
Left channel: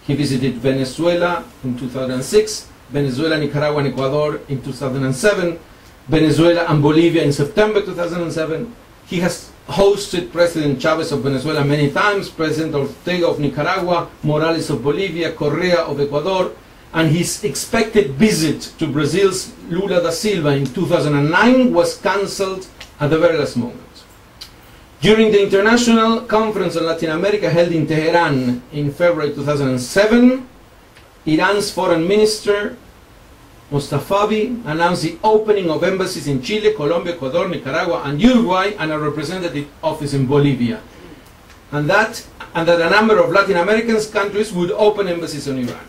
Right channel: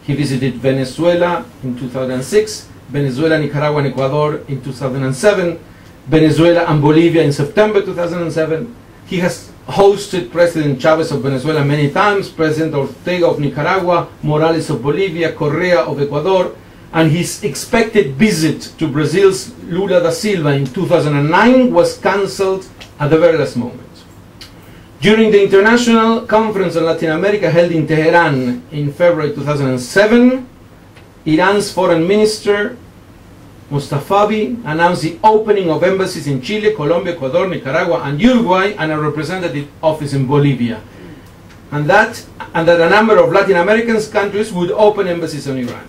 He visited Venezuela in 2006, Venezuela, Nicaragua, and Ecuador in 2007, Venezuela and Bolivia in September 2007. He has hosted President Chavez of Venezuela many times, President Ortega of Nicaragua, Morales of Bolivia, Correa of Ecuador, and his expected visit to Brazil's Lula da Silva in 2009 was cancelled at the very last moment. During the International Conference on Latin America held in Tehran in February 2007, Iran's Foreign Minister Mustafavi announced the opening of embassies in Chile, Colombia, Ecuador, Nicaragua, and Uruguay, and a representative office in Bolivia. And that a number of Latin American countries would open embassies on Iran.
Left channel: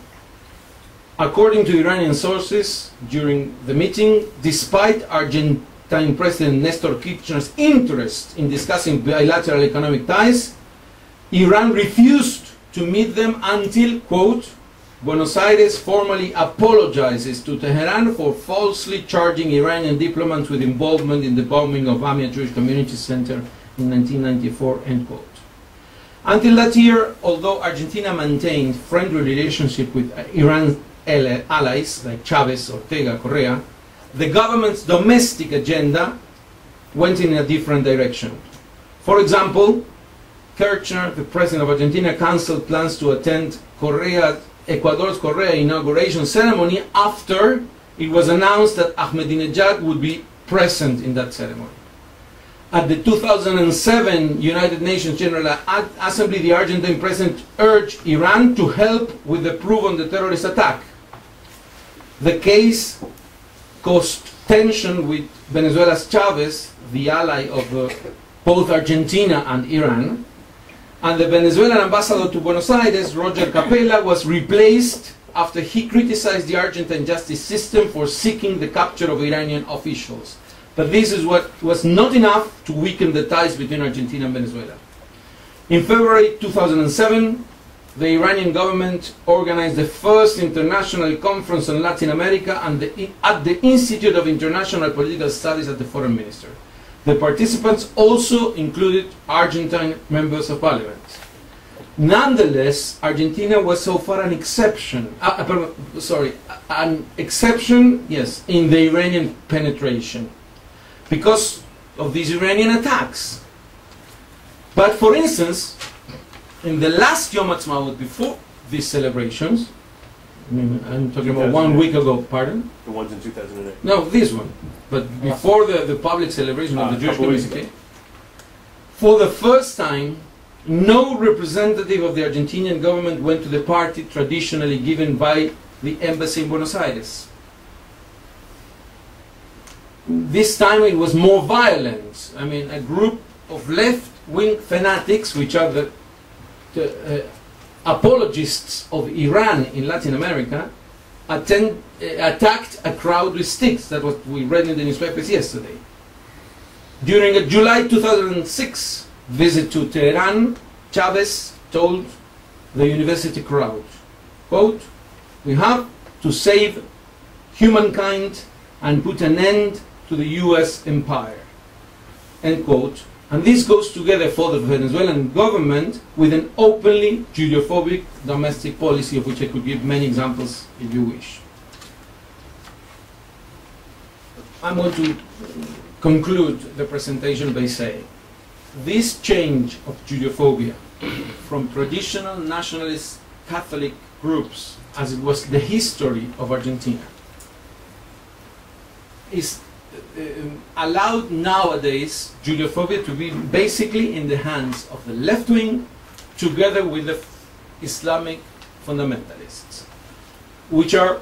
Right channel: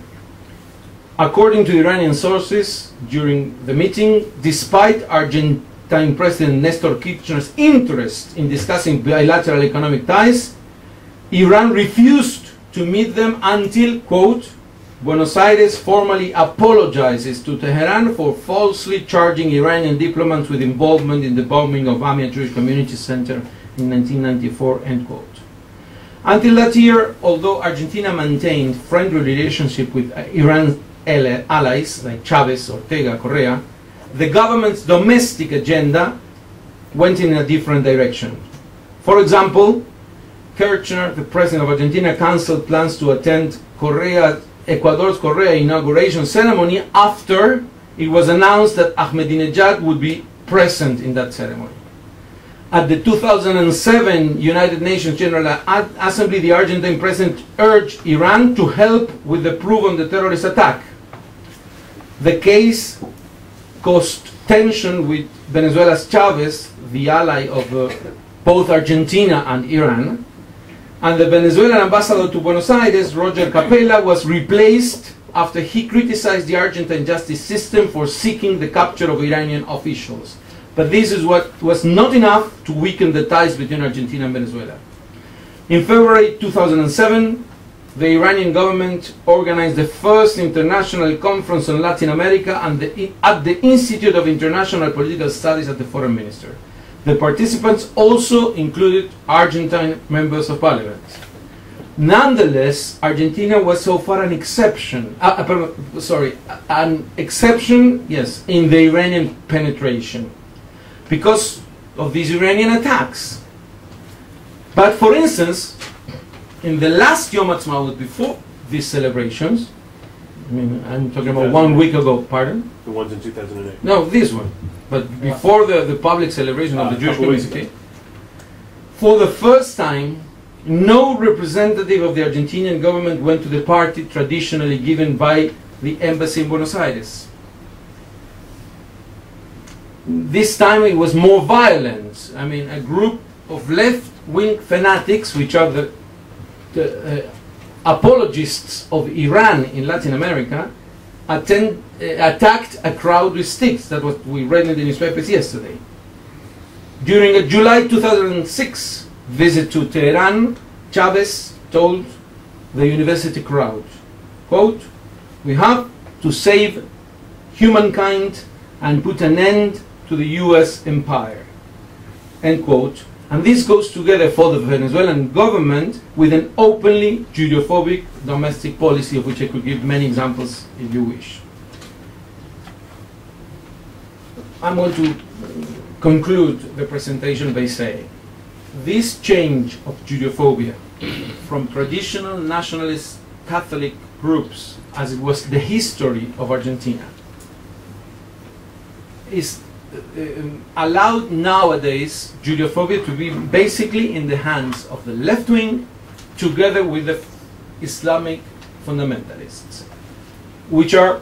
According to Iranian sources during the meeting, despite Argentine President Nestor Kirchner's interest in discussing bilateral economic ties, Iran refused to meet them until, quote, Buenos Aires formally apologizes to Tehran for falsely charging Iranian diplomats with involvement in the bombing of AMIA Jewish Community Center in 1994, end quote. Until that year, although Argentina maintained friendly relationship with Iran's allies like Chavez, Ortega, Correa, the government's domestic agenda went in a different direction. For example, Kirchner, the president of Argentina, cancelled plans to attend Correa's Ecuador's Correa inauguration ceremony after it was announced that Ahmadinejad would be present in that ceremony. At the 2007 United Nations General Assembly, the Argentine president urged Iran to help with the proof on the terrorist attack. The case caused tension with Venezuela's Chavez, the ally of both Argentina and Iran, and the Venezuelan ambassador to Buenos Aires, Roger Capella, was replaced after he criticized the Argentine justice system for seeking the capture of Iranian officials. But this is what was not enough to weaken the ties between Argentina and Venezuela. In February 2007, the Iranian government organized the first international conference on Latin America at the Institute of International Political Studies at the Foreign Minister. The participants also included Argentine members of parliament. Nonetheless, Argentina was so far an exception, yes, in the Iranian penetration because of these Iranian attacks. But for instance, in the last Yom Ha'atzmaut before these celebrations, I mean, I'm talking about 1 week ago, pardon? The ones in 2008. No, this one. But before the public celebration of the Jewish community, for the first time, no representative of the Argentinian government went to the party traditionally given by the embassy in Buenos Aires. This time it was more violent. I mean, a group of left-wing fanatics, which are the apologists of Iran in Latin America, attacked a crowd with sticks. That's what we read in the newspapers yesterday. During a July 2006 visit to Tehran, Chavez told the university crowd, quote, "We have to save humankind and put an end to the US empire," end quote. And this goes together for the Venezuelan government with an openly Judeophobic domestic policy, of which I could give many examples if you wish. I'm going to conclude the presentation by saying this change of Judeophobia from traditional nationalist Catholic groups, as it was the history of Argentina, is allowed nowadays Judeophobia to be basically in the hands of the left wing together with the Islamic fundamentalists, which are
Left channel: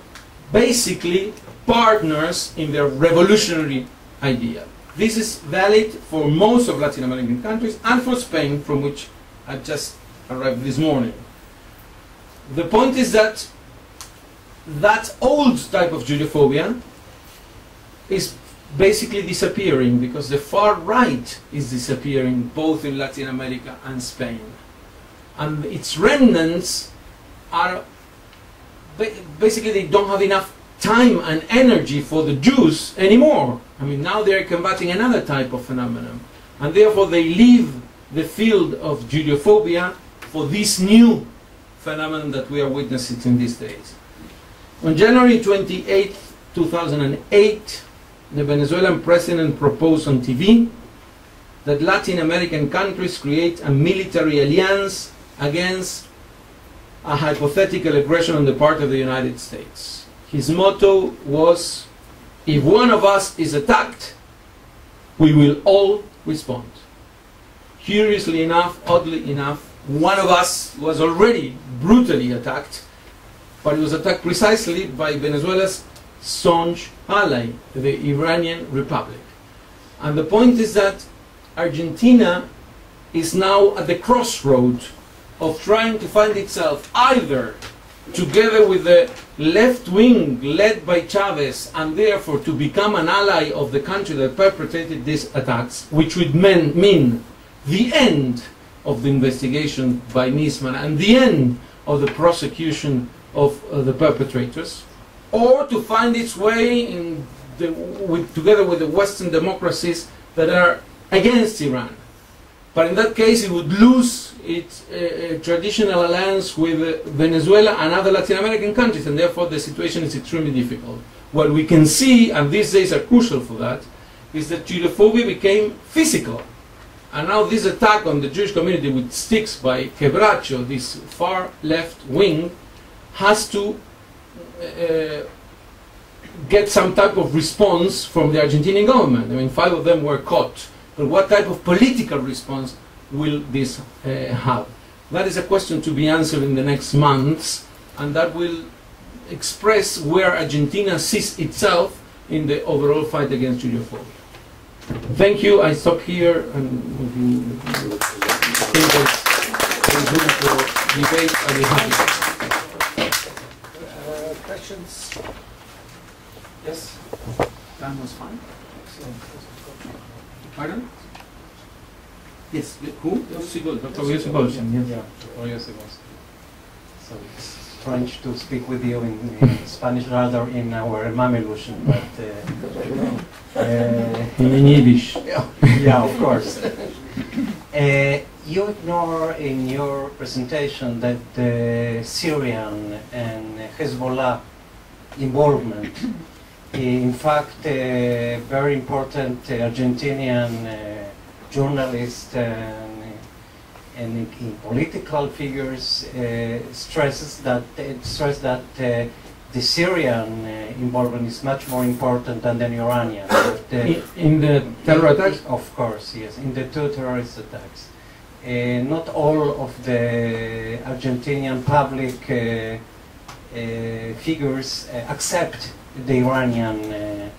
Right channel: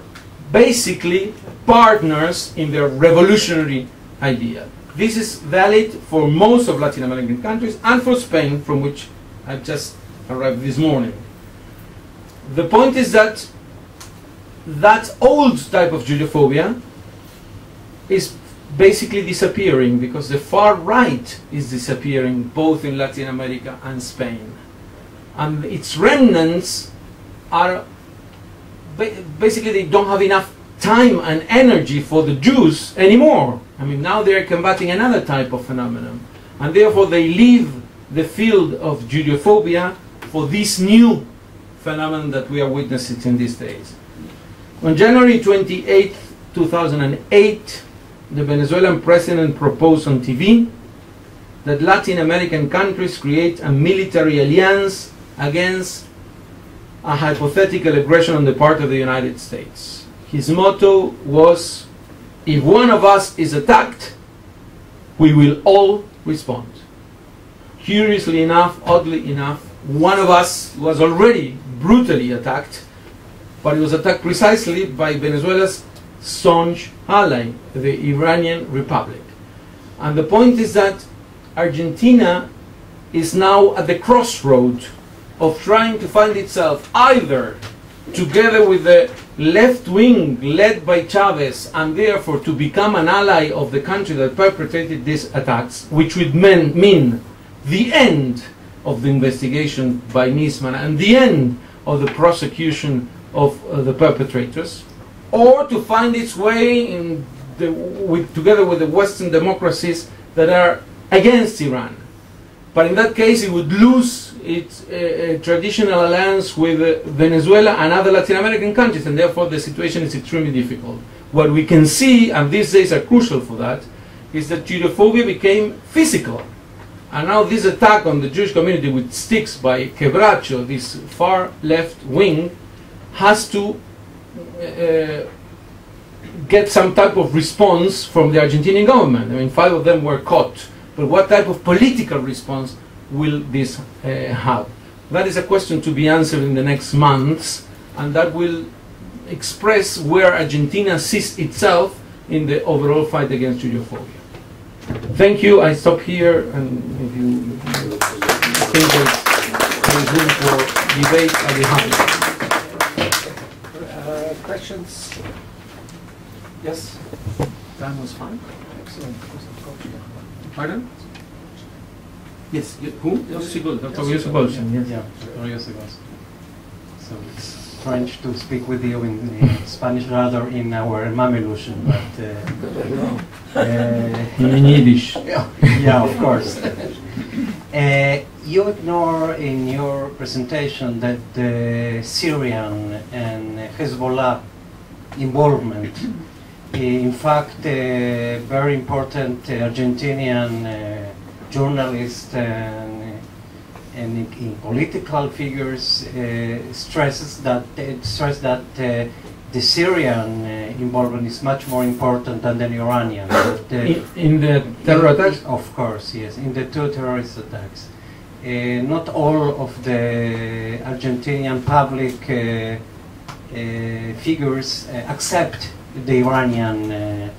basically partners in their revolutionary idea. This is valid for most of Latin American countries and for Spain, from which I just arrived this morning. The point is that that old type of Judeophobia is basically disappearing because the far right is disappearing both in Latin America and Spain. And its remnants are basically, they don't have enough time and energy for the Jews anymore. I mean, now they're combating another type of phenomenon, and therefore they leave the field of Judeophobia for this new phenomenon that we are witnessing in these days. On January 28, 2008, the Venezuelan president proposed on TV that Latin American countries create a military alliance against a hypothetical aggression on the part of the United States. His motto was, "If one of us is attacked, we will all respond." Curiously enough, oddly enough, one of us was already brutally attacked, but he was attacked precisely by Venezuela's staunch ally, the Iranian Republic. And the point is that Argentina is now at the crossroad of trying to find itself either together with the left wing led by Chavez, and therefore to become an ally of the country that perpetrated these attacks, which would mean the end of the investigation by Nisman and the end of the prosecution of the perpetrators, or to find its way in together with the Western democracies that are against Iran. But in that case, it would lose its traditional alliance with Venezuela and other Latin American countries, and therefore the situation is extremely difficult. What we can see, and these days are crucial for that, is that Judeophobia became physical. And now this attack on the Jewish community with sticks by Quebracho, this far left wing, has to get some type of response from the Argentinian government. I mean, 5 of them were caught. But what type of political response will this have? That is a question to be answered in the next months, and that will express where Argentina sees itself in the overall fight against Judeophobia. Thank you. I stop here, and if you think there's room for debate, I'll be happy. Questions? Yes? Time was fine. So, Pardon? Yes. Who? Dr. Sigol. Yeah, so it's strange to speak with you in Spanish rather in our Mamelusian, but in Yiddish. Yeah, of course. You ignore in your presentation that the Syrian and Hezbollah involvement, in fact, very important Argentinian journalist and in political figures stress that the Syrian involvement is much more important than the Iranian. In the terror attacks? Of course, yes, in the 2 terrorist attacks. Not all of the Argentinian public figures accept the Iranian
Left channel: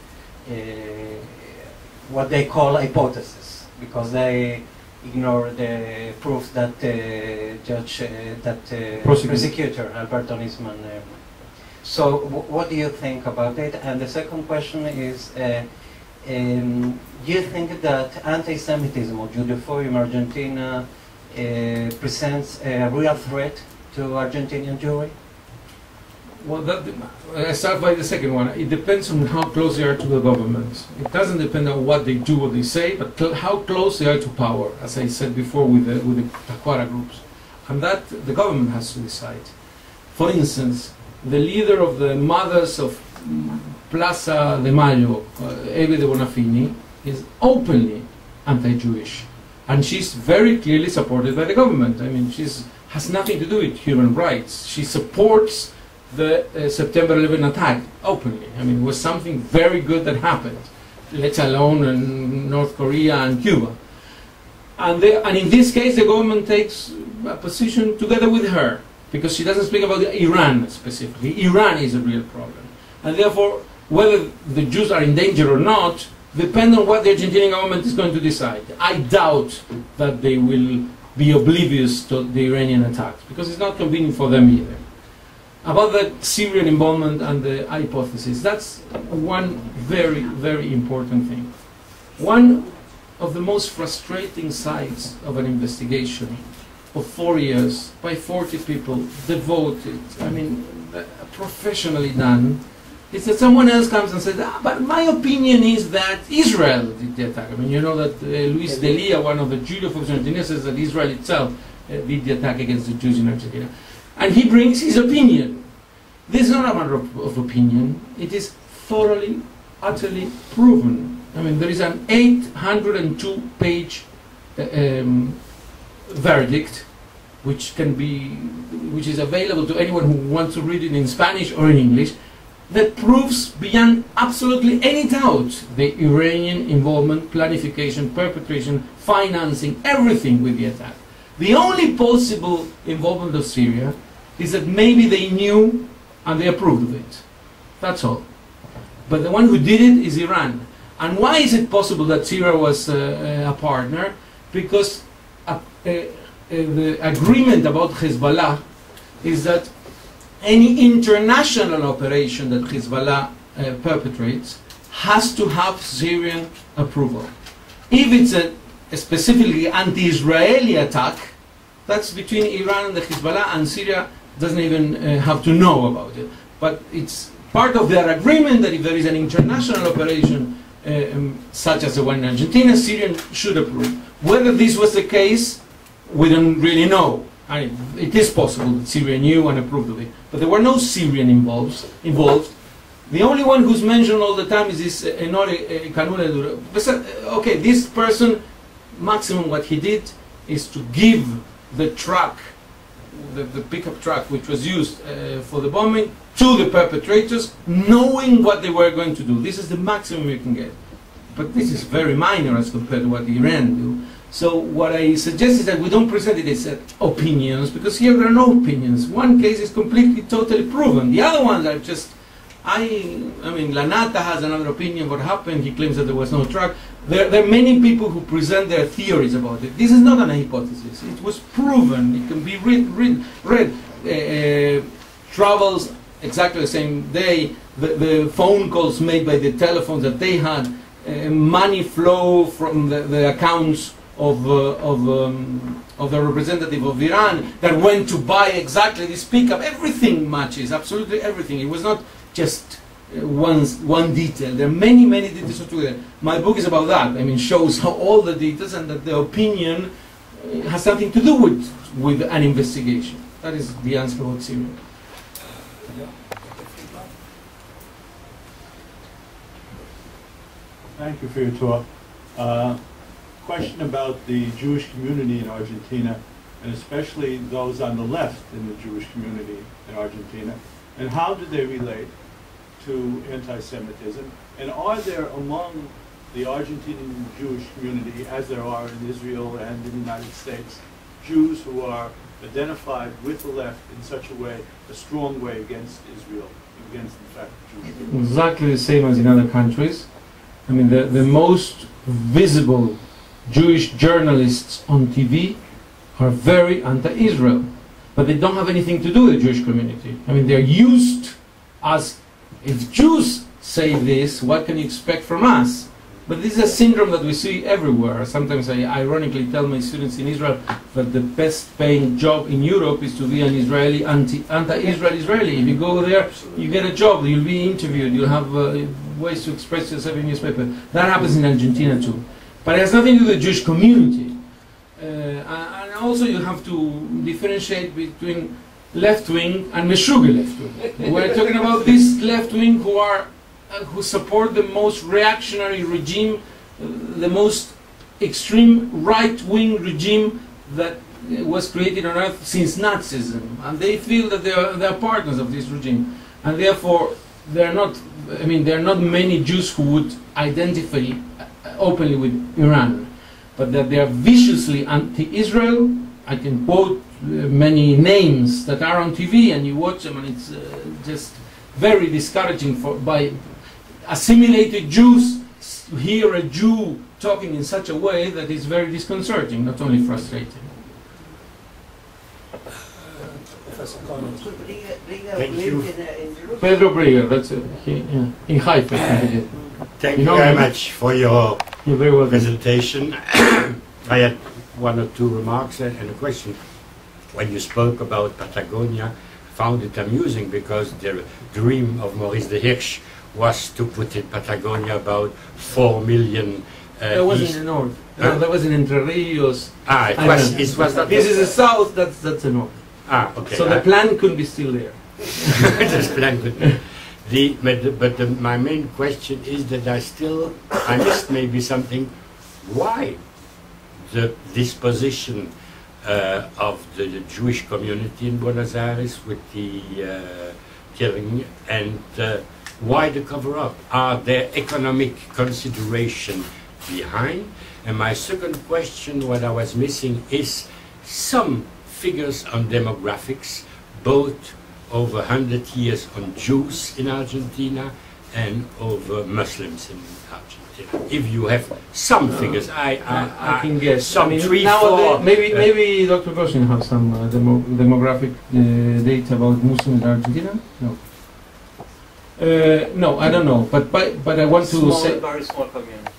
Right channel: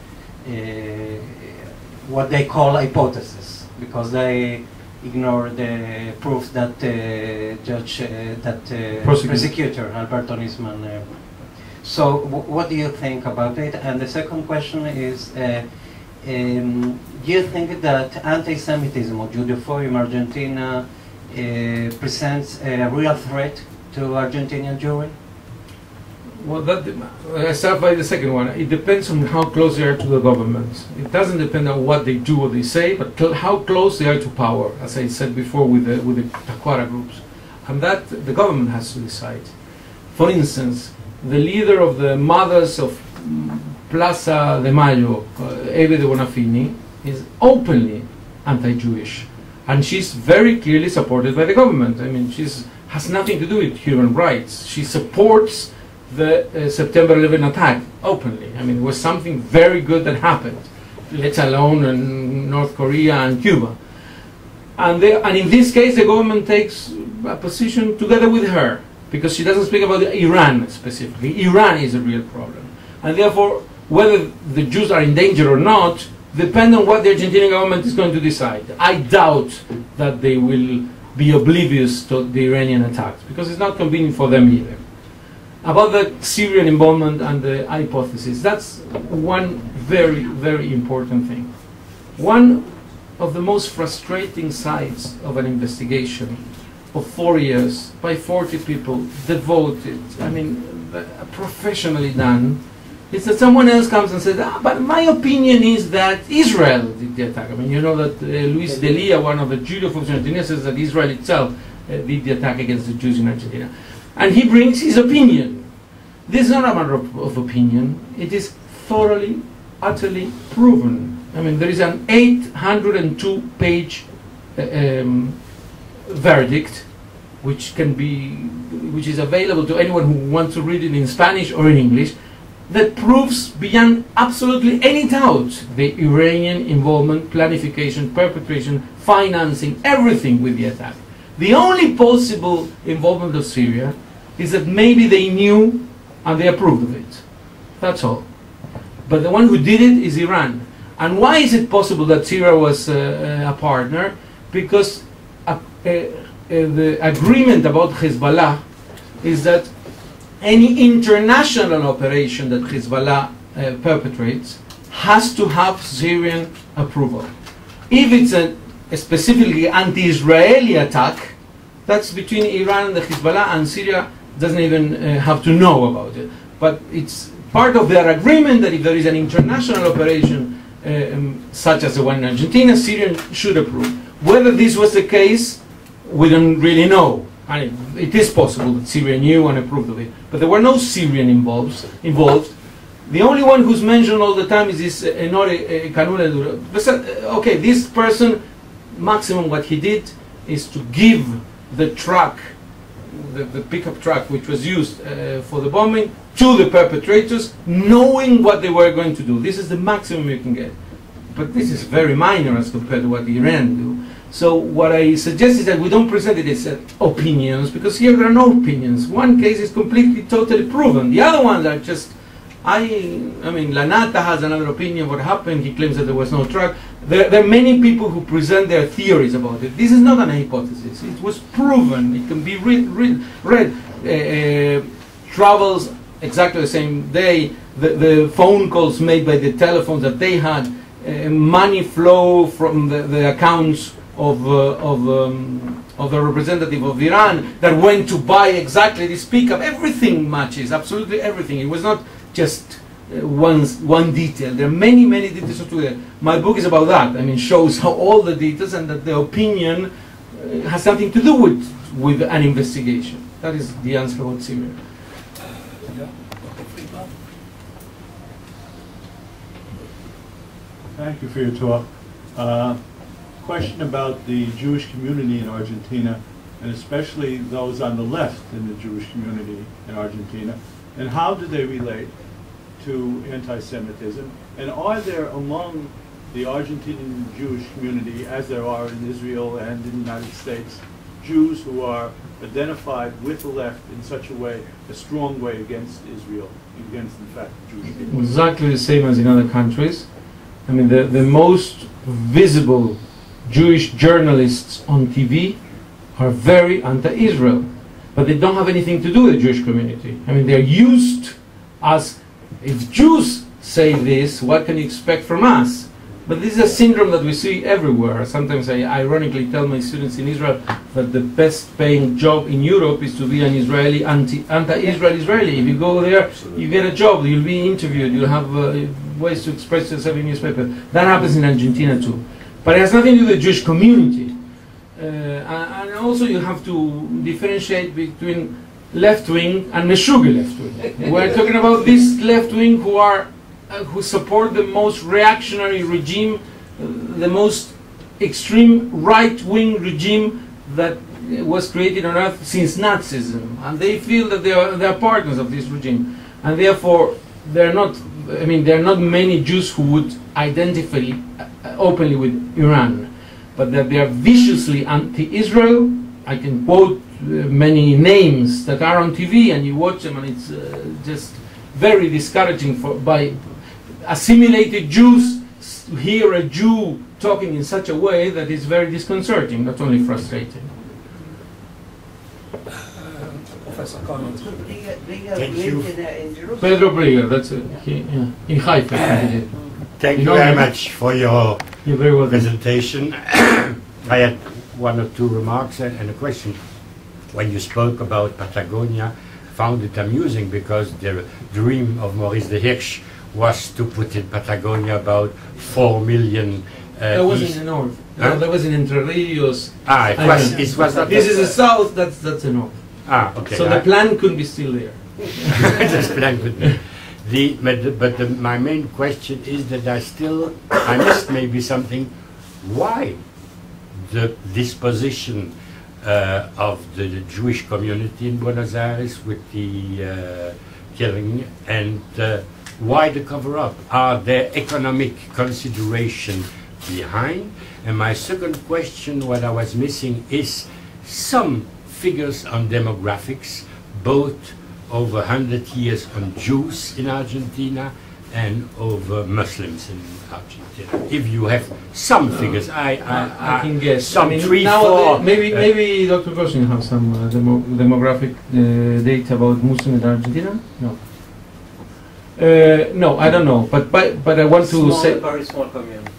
what they call hypothesis, because they ignore the proof that prosecutor Alberto Nisman. So what do you think about it? And the second question is, do you think that anti-Semitism or Judeophobia in Argentina presents a real threat to Argentinian Jewry? Well, I start by the second one. It depends on how close they are to the government. It doesn't depend on what they do or they say, but how close they are to power, as I said before with the Tacuara groups. And that the government has to decide. For instance, the leader of the Mothers of Plaza de Mayo, Eve de Bonafini, is openly anti-Jewish. And she's very clearly supported by the government. I mean, she has nothing to do with human rights. She supports the September 11 attack openly. I mean, it was something very good that happened, let alone in North Korea and Cuba. And in this case, the government takes a position together with her, because she doesn't speak about Iran specifically. Iran is a real problem. And therefore, whether the Jews are in danger or not depends on what the Argentinian government is going to decide. I doubt that they will be oblivious to the Iranian attacks, because it's not convenient for them either. About the Syrian involvement and the hypothesis, that's one very, very important thing. One of the most frustrating sides of an investigation of 4 years by 40 people devoted, I mean, professionally done, is that someone else comes and says, but my opinion is that Israel did the attack. I mean, you know that Luis Delia, one of the Judeophobes in Argentina, says that Israel itself did the attack against the Jews in Argentina. And he brings his opinion. This is not a matter of opinion. It is thoroughly, utterly proven. I mean, there is an 802-page verdict, which is available to anyone who wants to read it in Spanish or in English, that proves beyond absolutely any doubt the Iranian involvement, planification, perpetration, financing, everything with the attack. The only possible involvement of Syria is that maybe they knew and they approved of it. That's all. But the one who did it is Iran. And why is it possible that Syria was a partner? Because the agreement about Hezbollah is that any international operation that Hezbollah perpetrates has to have Syrian approval. If it's a specifically anti-Israeli attack, that's between Iran and the Hezbollah, and Syria doesn't even have to know about it. But it's part of their agreement that if there is an international operation such as the one in Argentina, Syria should approve. Whether this was the case, we don't really know. I mean, it is possible that Syria knew and approved of it, but there were no Syrian involved. The only one who's mentioned all the time is this Enore Canule. Okay, this person, maximum what he did is to give the truck the pickup truck which was used for the bombing to the perpetrators, knowing what they were going to do. This is the maximum you can get. But this is very minor as compared to what Iran do. So what I suggest is that we don't present it as opinions, because here there are no opinions. One case is completely, totally proven. The other ones are just, I mean, Lanata has another opinion what happened. He claims that there was no truck. There are many people who present their theories about it. This is not an hypothesis. It was proven. It can be read. Travels exactly the same day. The phone calls made by the telephones that they had, money flow from the accounts of the representative of Iran that went to buy exactly this pickup. Everything matches, absolutely everything. It was not just one detail. There are many, many details together. My book is about that. I mean, shows how all the details and that the opinion has something to do with an investigation. That is the answer about Syria. Thank you for your talk. Question about the Jewish community in Argentina, and especially those on the left in the Jewish community in Argentina, and how do they relate to anti-Semitism? And are there among the Argentinian Jewish community, as there are in Israel and in the United States, Jews who are identified with the left in such a way, a strong way against Israel, against, in fact, Jewish people? Exactly the same as in other countries. I mean, the most visible Jewish journalists on TV are very anti-Israel, but they don't have anything to do with the Jewish community. I mean, they're used as, if Jews say this, what can you expect from us? But this is a syndrome that we see everywhere. Sometimes I ironically tell my students in Israel that the best paying job in Europe is to be an Israeli, anti-Israel Israeli. If you go there, you get a job, you'll be interviewed, you'll have ways to express yourself in newspaper. That happens in Argentina too. But it has nothing to do with the Jewish community. And also you have to differentiate between left-wing and Meshuggah left-wing. We're talking about this left-wing who support the most reactionary regime, the most extreme right-wing regime that was created on earth since Nazism. And they feel that they are partners of this regime. And therefore, there are not many Jews who would identify openly with Iran, but that they are viciously anti-Israel. I can quote many names that are on TV, and you watch them, and it's just very discouraging by assimilated Jews to hear a Jew talking in such a way that is very disconcerting, not only frustrating. Professor Connell. Thank you. Pedro Briga, that's it. In Haifa. Thank you very much for your very presentation. I had one or two remarks and a question. When you spoke about Patagonia, I found it amusing because the dream of Maurice de Hirsch was to put in Patagonia about 4 million That was in the north. Huh? That was in Entre Rios. It was not. This is the south, that's the north. Okay. So the plan could be still there. This plan could be. My main question is that I missed maybe something. Why the disposition of the Jewish community in Buenos Aires with the killing, and why the cover-up? Are there economic consideration behind? And my second question, what I was missing, is some figures on demographics, both over 100 years on Jews in Argentina and over Muslims in Argentina. If you have some figures, I can guess. Some 3, 4. Maybe Dr. Gosling has some demographic data about Muslims in Argentina. No. No, I don't know. But I want to say. Very small community.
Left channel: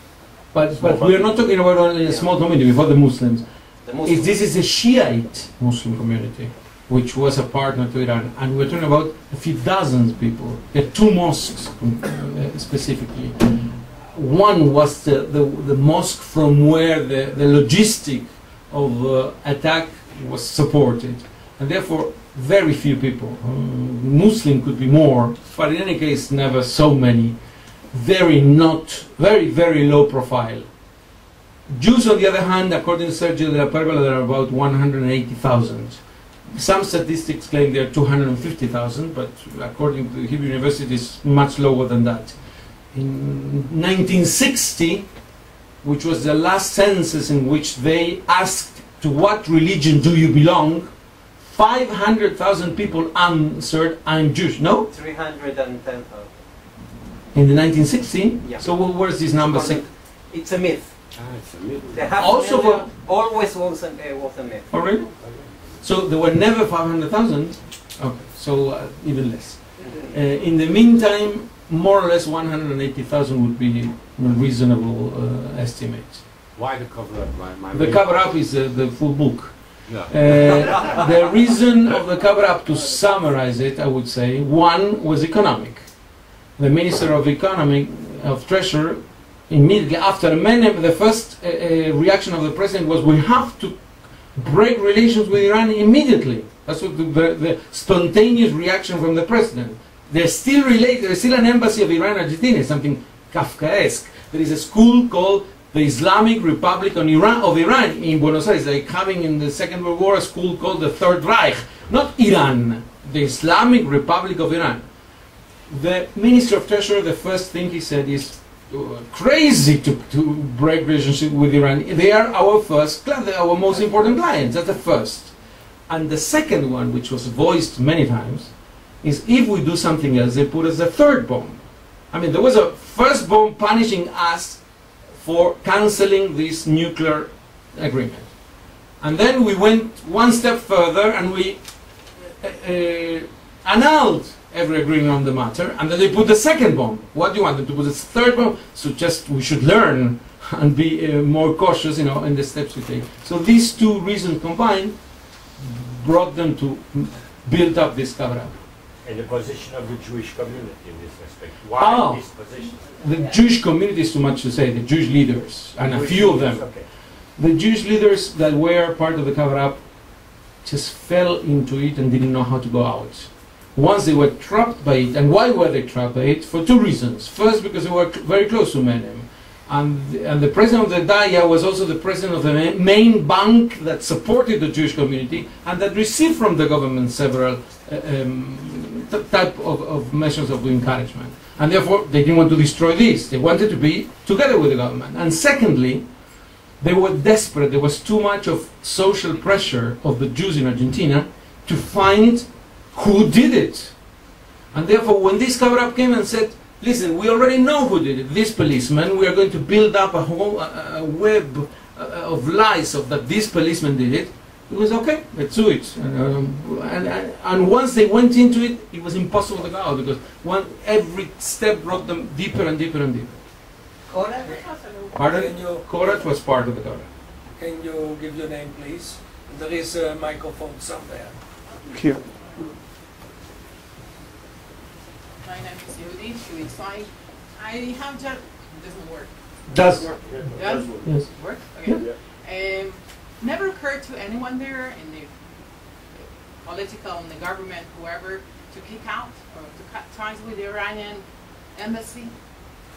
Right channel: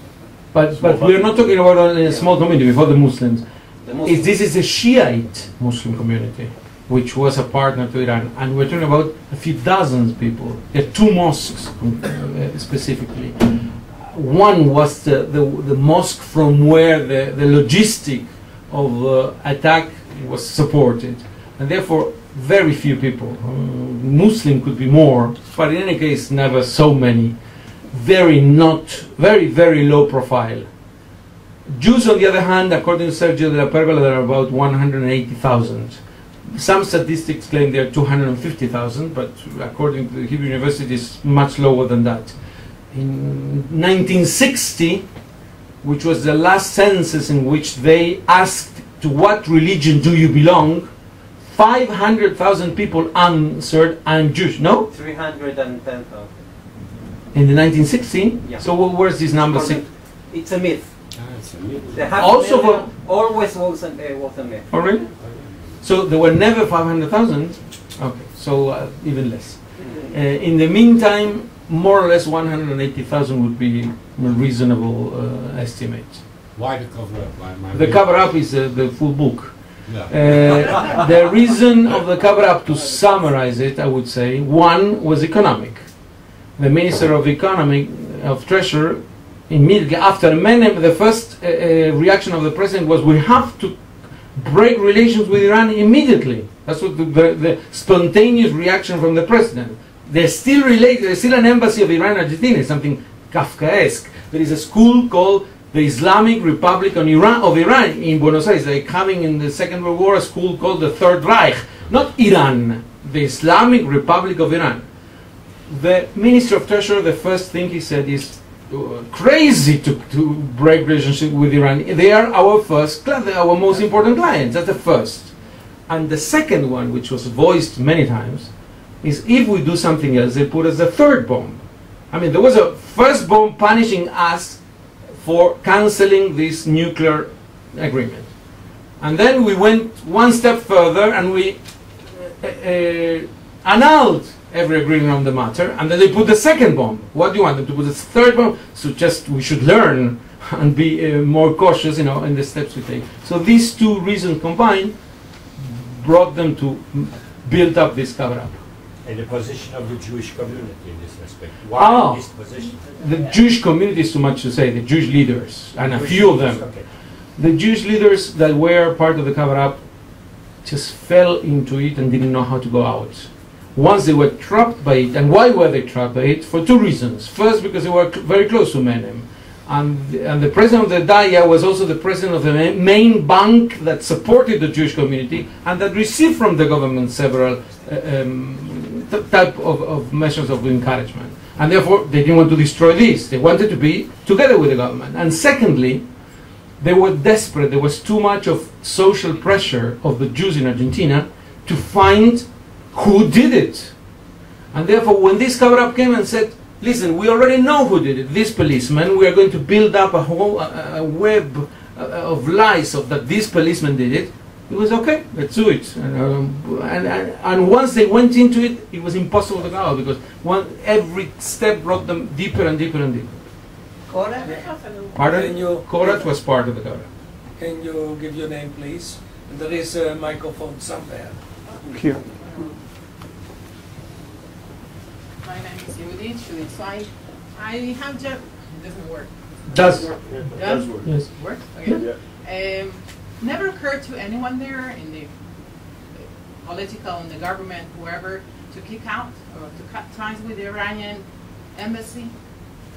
But we are not talking about only a small community before the Muslims. This is a Shiite Muslim community, which was a partner to Iran, and we're talking about a few dozen people. There are 2 mosques specifically. One was the mosque from where the logistic of attack was supported, and therefore very few people. Muslim could be more, but in any case, never so many. Very low profile. Jews, on the other hand, according to Sergio de la Pergola, there are about 180,000. some statistics claim there are 250,000, but according to the Hebrew University, it's much lower than that. In 1960, which was the last census in which they asked to what religion do you belong, 500,000 people answered, I'm Jewish. No? 310,000. In the 1960? Yeah. So where's this number? It's a myth. It's a myth. The half Also million always was a myth. Oh, really? So there were never 500,000? Okay, so even less. In the meantime, more or less 180,000 would be a reasonable estimate. Why the cover-up? The cover-up is the full book. Yeah. The reason of the cover-up, to summarize it, I would say, one was economic. The Minister of Economy, of Treasury, immediately after Menem, the first reaction of the President was, we have to break relations with Iran immediately. That's what the spontaneous reaction from the President. There's still an embassy of Iran in Argentina, something Kafkaesque. There is a school called the Islamic Republic of Iran in Buenos Aires. Like having in the Second World War a school called the Third Reich. Not Iran, the Islamic Republic of Iran. The Minister of Treasury, the first thing he said is, crazy to break relationship with Iran. They are our our most important clients. That's the first. And the second one, which was voiced many times, is if we do something else, they put us a third bomb. I mean, there was a first bomb punishing us for canceling this nuclear agreement. And then we went one step further and we annulled every agreement on the matter, and then they put the second bomb. What do you want them to put? The third bomb? So just we should learn and be more cautious, in the steps we take. So these two reasons combined brought them to build up this cover-up. And the position of the Jewish community in this respect. Why this position? The Jewish community is too much to say. The Jewish leaders, and a few of them. Okay. The Jewish leaders that were part of the cover-up just fell into it and didn't know how to go out. Once they were trapped by it, and why were they trapped by it? For two reasons. First, because they were very close to Menem. And the president of the Daya was also the president of the main bank that supported the Jewish community and that received from the government several type of measures of encouragement. And therefore, they didn't want to destroy this. They wanted to be together with the government. And secondly, they were desperate. There was too much of social pressure of the Jews in Argentina to find who did it. And therefore, when this cover-up came and said, listen, we already know who did it, this policeman, we are going to build up a whole web of lies of that this policeman did it, it was okay, let's do it. And once they went into it, it was impossible to go out, because every step brought them deeper and deeper and deeper. Pardon? Korat was part of the cover-up. Can you give your name, please? There is a microphone somewhere. Here. My name is Yudi, Shuitzai. I have just, doesn't work. Does work? Yes. Work? Okay. Yeah. Never occurred to anyone there in the political, in the government, whoever, to kick out or to cut ties with the Iranian embassy?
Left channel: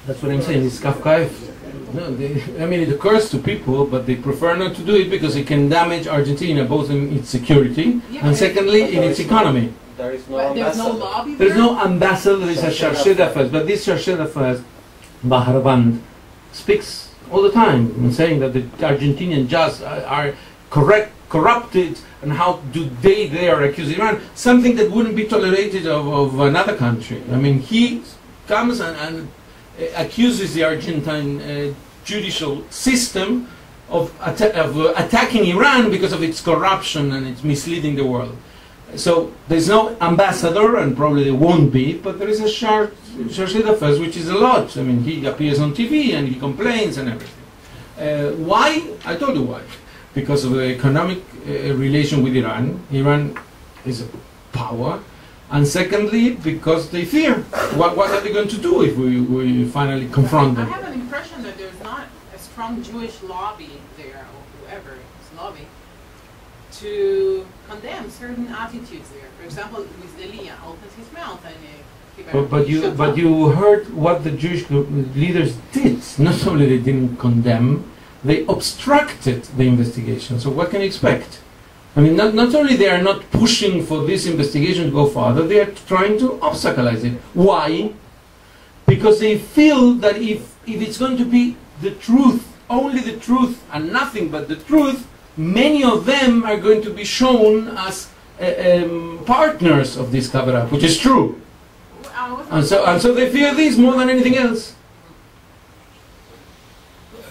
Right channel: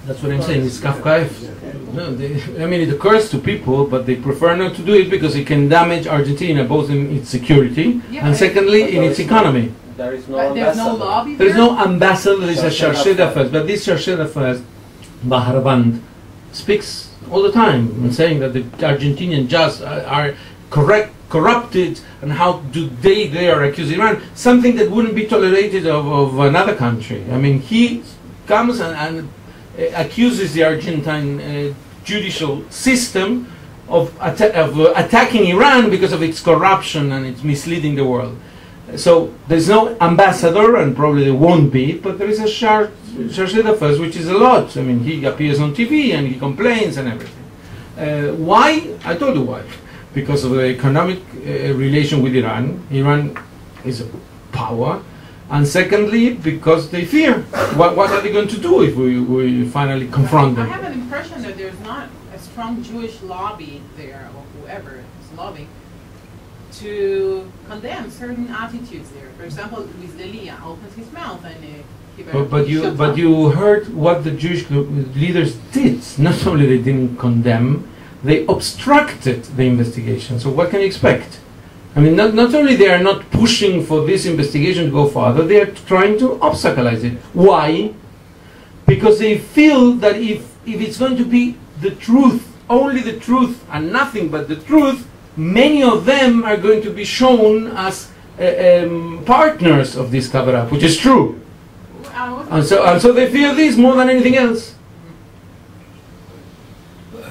That's what I'm saying, it's Kafkaesque. No, I mean, it occurs to people, but they prefer not to do it because it can damage Argentina, both in its security and secondly, in its economy. There is no but there's ambassador. no lobby There is there? no ambassador, there is a chargé d'affaires. But this chargé d'affaires, Baharaband, speaks all the time, saying that the Argentinian judges are corrupted, and how do they dare accuse Iran, something that wouldn't be tolerated of another country. I mean, he comes and accuses the Argentine judicial system of attacking Iran because of its corruption and its misleading the world. So there's no ambassador, and probably there won't be, but there is a chargé d'affaires, which is a lot. I mean, he appears on TV and he complains and everything. Why? I told you why. Because of the economic relation with Iran. Iran is a power. And secondly, because they fear. What are they going to do if we finally confront them? I have an impression that there's not a strong Jewish lobby there, or whoever is lobbying, to condemn certain attitudes there. For example, with Delia opens his mouth and But you heard what the Jewish leaders did. Not only they didn't condemn, they obstructed the investigation. So what can you expect? I mean, not only they are not pushing for this investigation to go further, they are trying to obstaculize it. Why? Because they feel that if it's going to be the truth, only the truth and nothing but the truth, many of them are going to be shown as partners of this cover-up, which is true. And so they fear this more than anything else.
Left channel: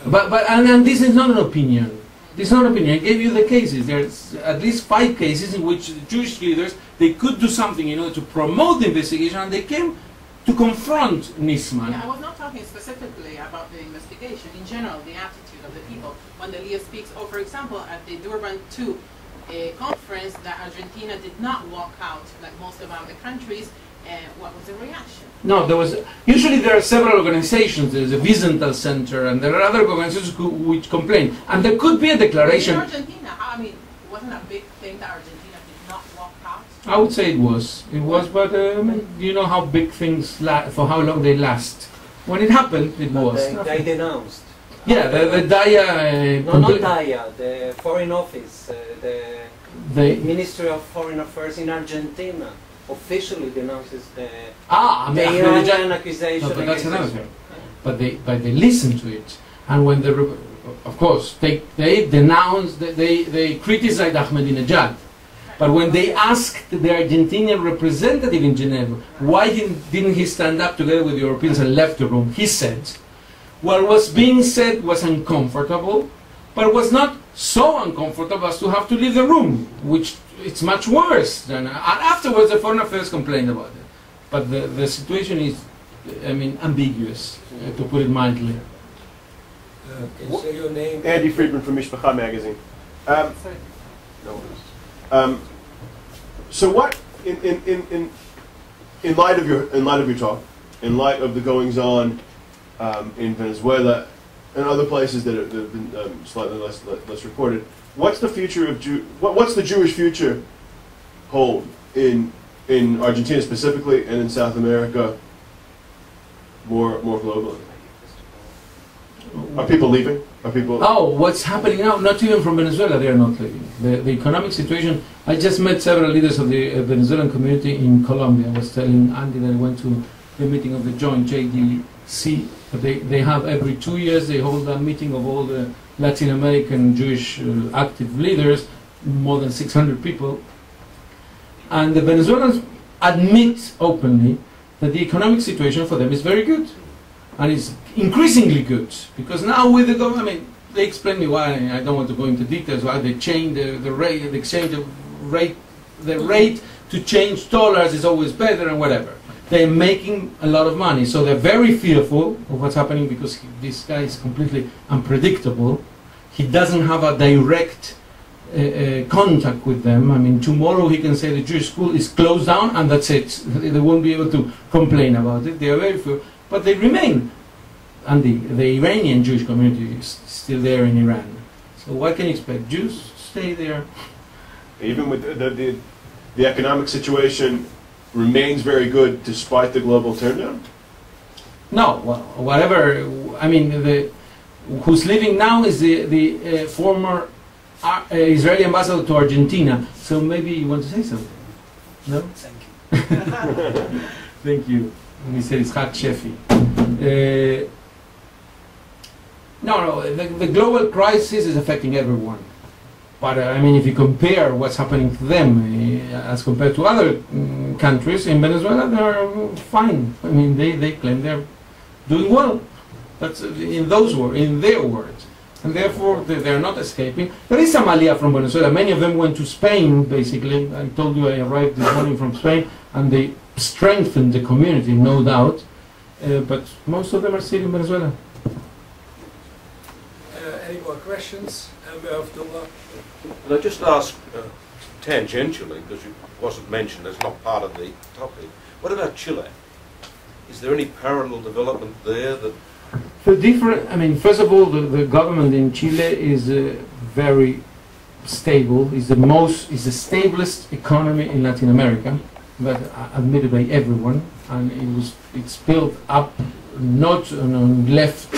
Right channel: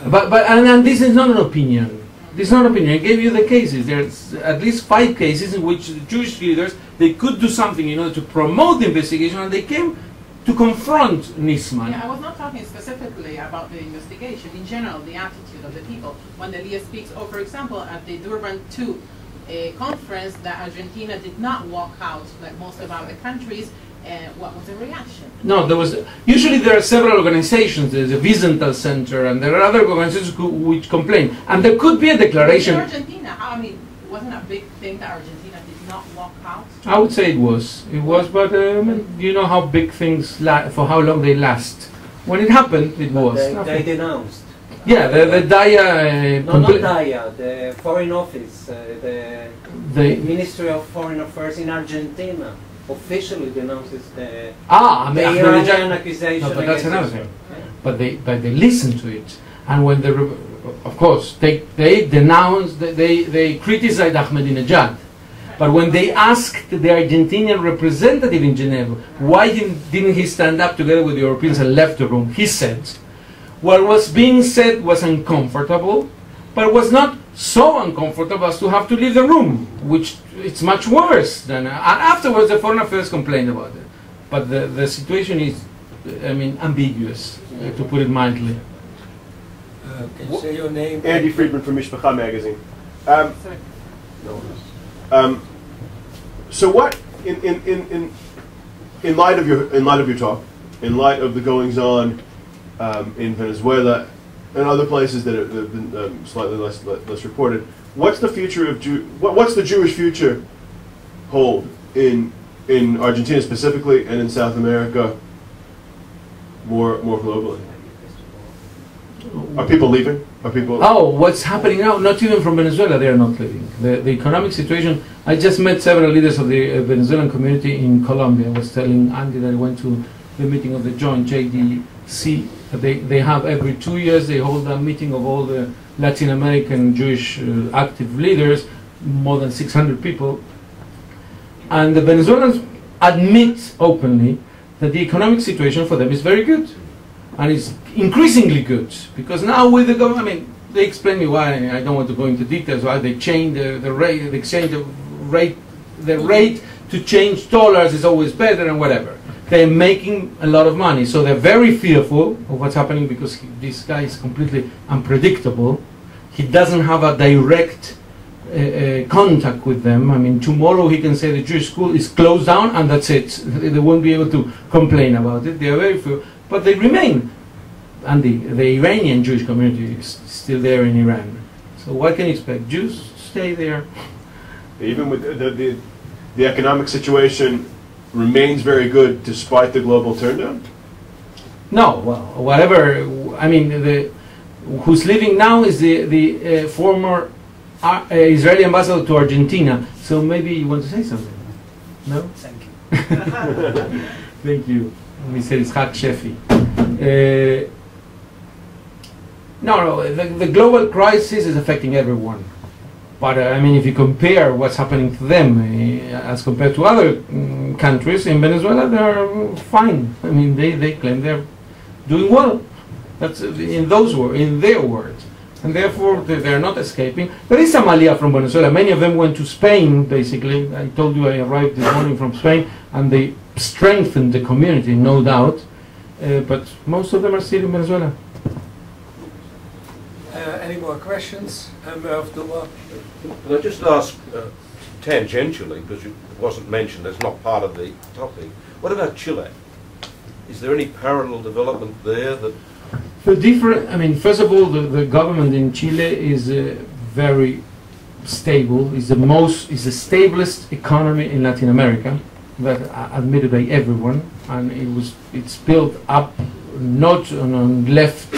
And this is not an opinion. This is not an opinion. I gave you the cases. There's at least 5 cases in which the Jewish leaders, they could do something in order to promote the investigation, and they came to confront Nisman. Yeah, I was not talking specifically about the investigation. In general, the attitude of the people. When Elia speaks, for example, at the Durban II conference, that Argentina did not walk out like most of other countries. What was the reaction? No, usually there are several organizations. There's a Wiesenthal Center, and there are other organizations which complain. And there could be a declaration. In Argentina, I mean, wasn't a big thing that Argentina did not walk out? I would say it was. It was, but you know how big things for how long they last. When it happened, it was. They denounced. Yeah, the DIA. No, not DIA. The Foreign Office, the Ministry of Foreign Affairs in Argentina officially denounces the Iranian accusation. No, but that's against another Israel. thing. But they listen to it, and when of course they denounced, they criticized Ahmadinejad. But when they asked the Argentinian representative in Geneva why didn't he stand up together with the Europeans and left the room, he said, what was being said was uncomfortable, but it was not so uncomfortable as to have to leave the room, which it's much worse than. And afterwards, the Foreign Affairs complained about it. But the situation is, I mean, ambiguous, to put it mildly. Can you say your name? Andy Friedman from Mishpacha magazine. Sorry. No. So what, in light of your talk, in light of the goings on in Venezuela and other places that have been slightly less reported, what's the future of what's the Jewish future hold in Argentina specifically and in South America more globally? Are people leaving? Are people? Oh, what's happening now? Not even from Venezuela, they are not leaving. The economic situation. I just met several leaders of the Venezuelan community in Colombia. I was telling Andy that I went to the meeting of the joint JDC. They have every 2 years they hold a meeting of all the Latin American Jewish active leaders, more than 600 people. And the Venezuelans admit openly that the economic situation for them is very good. And it's increasingly good, because now with the government, I mean, they explain me why. I don't want to go into details why they changed the rate, the exchange of rate, the rate to change dollars is always better and whatever. They're making a lot of money, so they're very fearful of what's happening because this guy is completely unpredictable. He doesn't have a direct contact with them. I mean, tomorrow he can say the Jewish school is closed down and that's it. They won't be able to complain about it. They are very fearful. But they remain, and the Iranian Jewish community is still there in Iran. So what can you expect? Jews stay there. Even with the economic situation remains very good despite the global turndown? No, well, whatever. I mean, who's living now is the former Israeli ambassador to Argentina. So maybe you want to say something? No? Thank you. Thank you. He said it's Hak Shefi. No, the global crisis is affecting everyone. But I mean, if you compare what's happening to them as compared to other countries, in Venezuela they're fine. I mean, they claim they're doing well. That's in their words. And therefore they're not escaping. There is some aliyah from Venezuela. Many of them went to Spain, basically. I told you I arrived this morning from Spain, and they strengthened the community, no doubt. But most of them are still in Venezuela. Any more questions? Amber Abdullah. Can I just ask tangentially, because it wasn't mentioned, it's not part of the topic. What about Chile? Is there any parallel development there that... For different, I mean, first of all, the government in Chile is very stable. Is the stablest economy in Latin America, that admitted by everyone, and it's built up not on left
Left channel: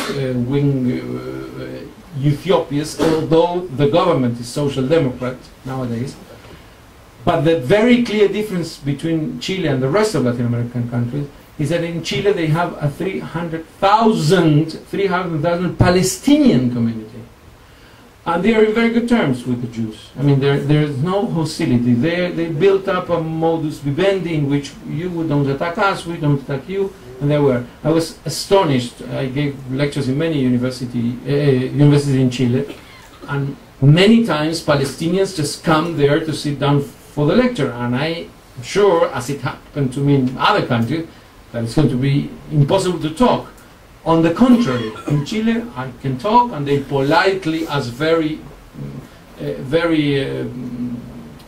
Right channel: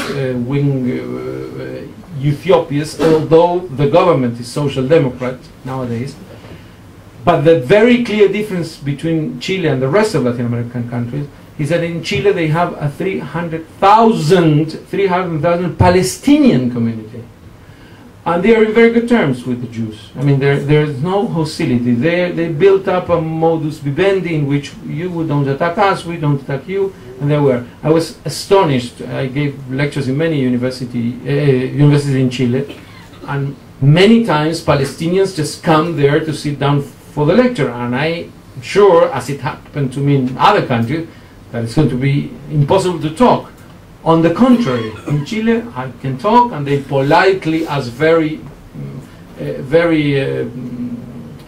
wing Utopias, although the government is social democrat nowadays. But the very clear difference between Chile and the rest of Latin American countries is that in Chile they have a 300,000 Palestinian community. And they are in very good terms with the Jews. I mean, there is no hostility. They built up a modus vivendi in which you don't attack us, we don't attack you, and there were. I was astonished. I gave lectures in many universities in Chile, and many times Palestinians just come there to sit down for the lecture, and I'm sure, as it happened to me in other countries, that it's going to be impossible to talk. On the contrary, in Chile, I can talk, and they politely ask very,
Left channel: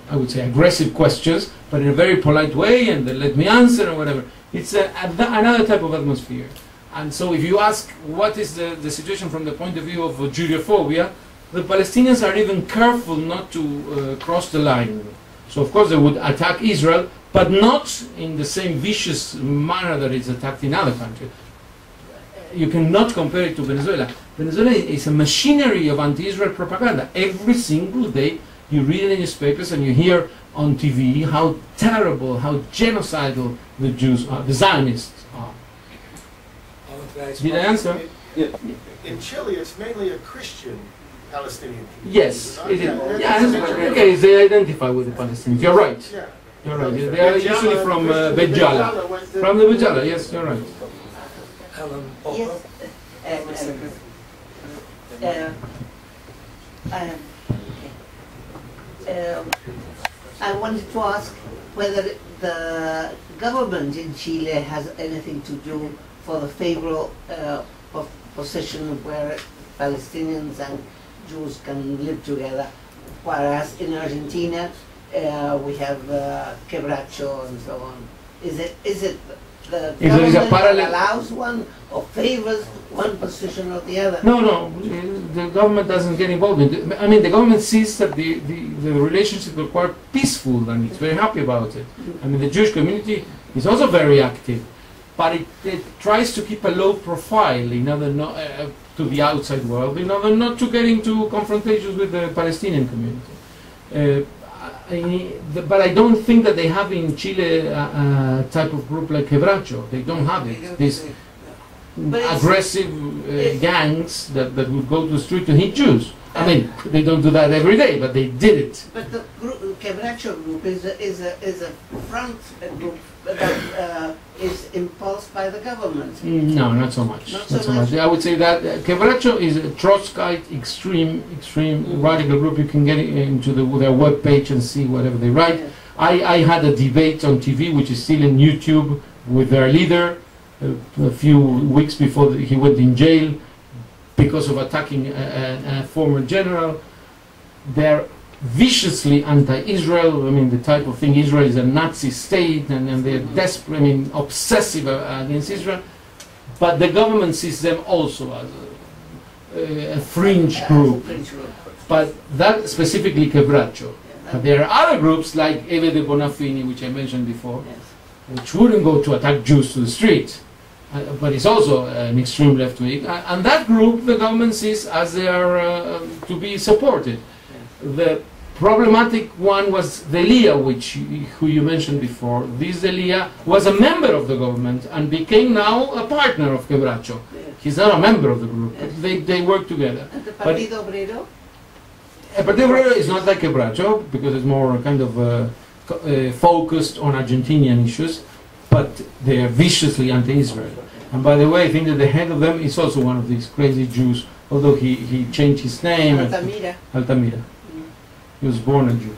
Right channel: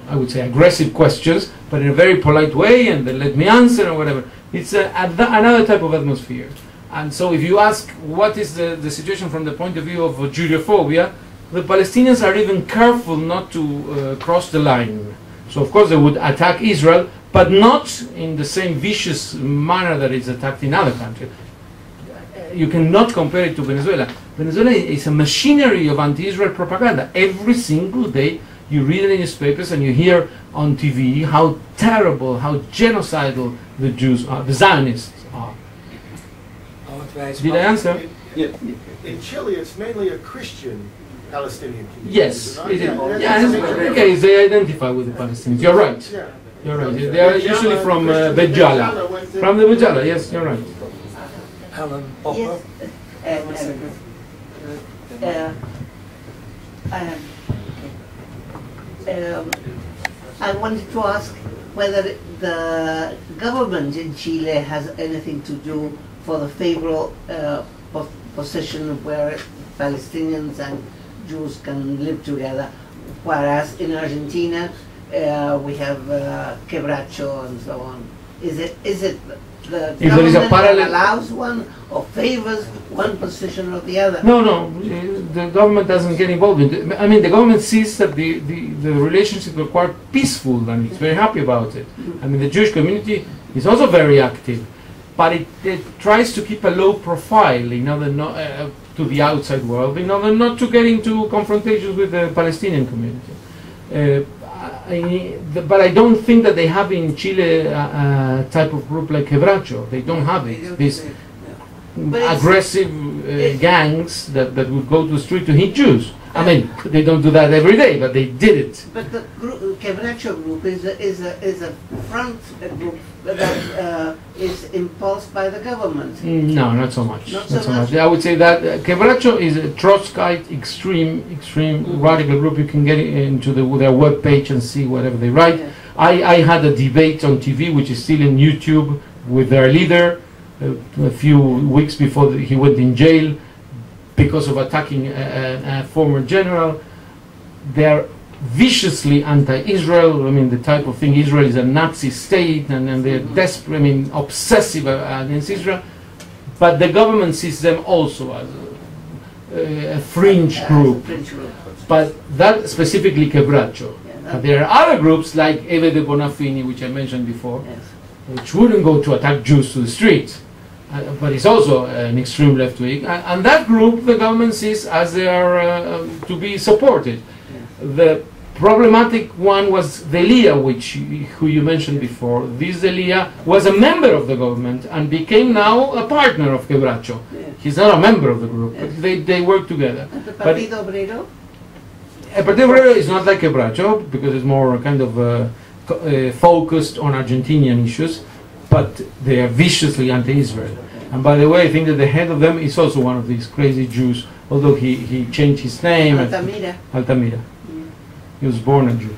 I would say, aggressive questions, but in a very polite way, and they let me answer or whatever. It's another type of atmosphere. And so if you ask what is the situation from the point of view of Judeophobia, the Palestinians are even careful not to cross the line. So of course they would attack Israel, but not in the same vicious manner that it's attacked in other countries. You cannot compare it to Venezuela. Venezuela is a machinery of anti-Israel propaganda. Every single day you read in the newspapers and you hear on TV how terrible, how genocidal the Jews are, the Zionists are. Did I answer? Yeah. In Chile, it's mainly a Christian Palestinian community. Yes. Okay, they identify with the Palestinians. You're right. Yeah. You're right. They are usually from Bejala. From the Bejala, yes, you're right. Helen Yes. I wanted to ask whether the government in Chile has anything to do for the favorable position where Palestinians and Jews can live together, whereas in Argentina we have quebracho and so on. Is it the government that allows one or favors one position or the other? No, the government doesn't get involved in it. I mean, the government sees that the relationship is quite peaceful and it's very happy about it. I mean, the Jewish community is also very active, but it tries to keep a low profile in order not to the outside world, in order not to get into confrontations with the Palestinian community. But I don't think that they have in Chile a type of group like quebracho. They don't have it. These aggressive gangs that would go to the street to hit Jews. I mean, they don't do that every day, but they did it. But the quebracho group is a front group that is impulsed by the government. No, not so much. Not so much. I would say that quebracho is a Trotskyite extreme radical group. You can get into their web page and see whatever they write. Yeah. I had a debate on TV, which is still in YouTube, with their leader a few weeks before he went in jail because of attacking a former general. They're viciously anti-Israel. I mean, the type of thing, Israel is a Nazi state, and they're desperate, I mean, obsessive against Israel. But the government sees them also as a fringe group. But that specifically quebracho. But there are other groups like Eve de Bonafini, which I mentioned before, which wouldn't go to attack Jews to the street. But it's also an extreme left wing, and that group the government sees as they are to be supported. The problematic one was Delia, who you mentioned before. This Delia was a member of the government and became now a partner of quebracho. He's not a member of the group, but they work together. And the Partido Obrero? Partido Obrero is not like quebracho because it's more kind of focused on Argentinian issues. But they are viciously anti-Israel. And by the way, I think that the head of them is also one of these crazy Jews, although he changed his name. Altamira. Altamira. He was born a Jew.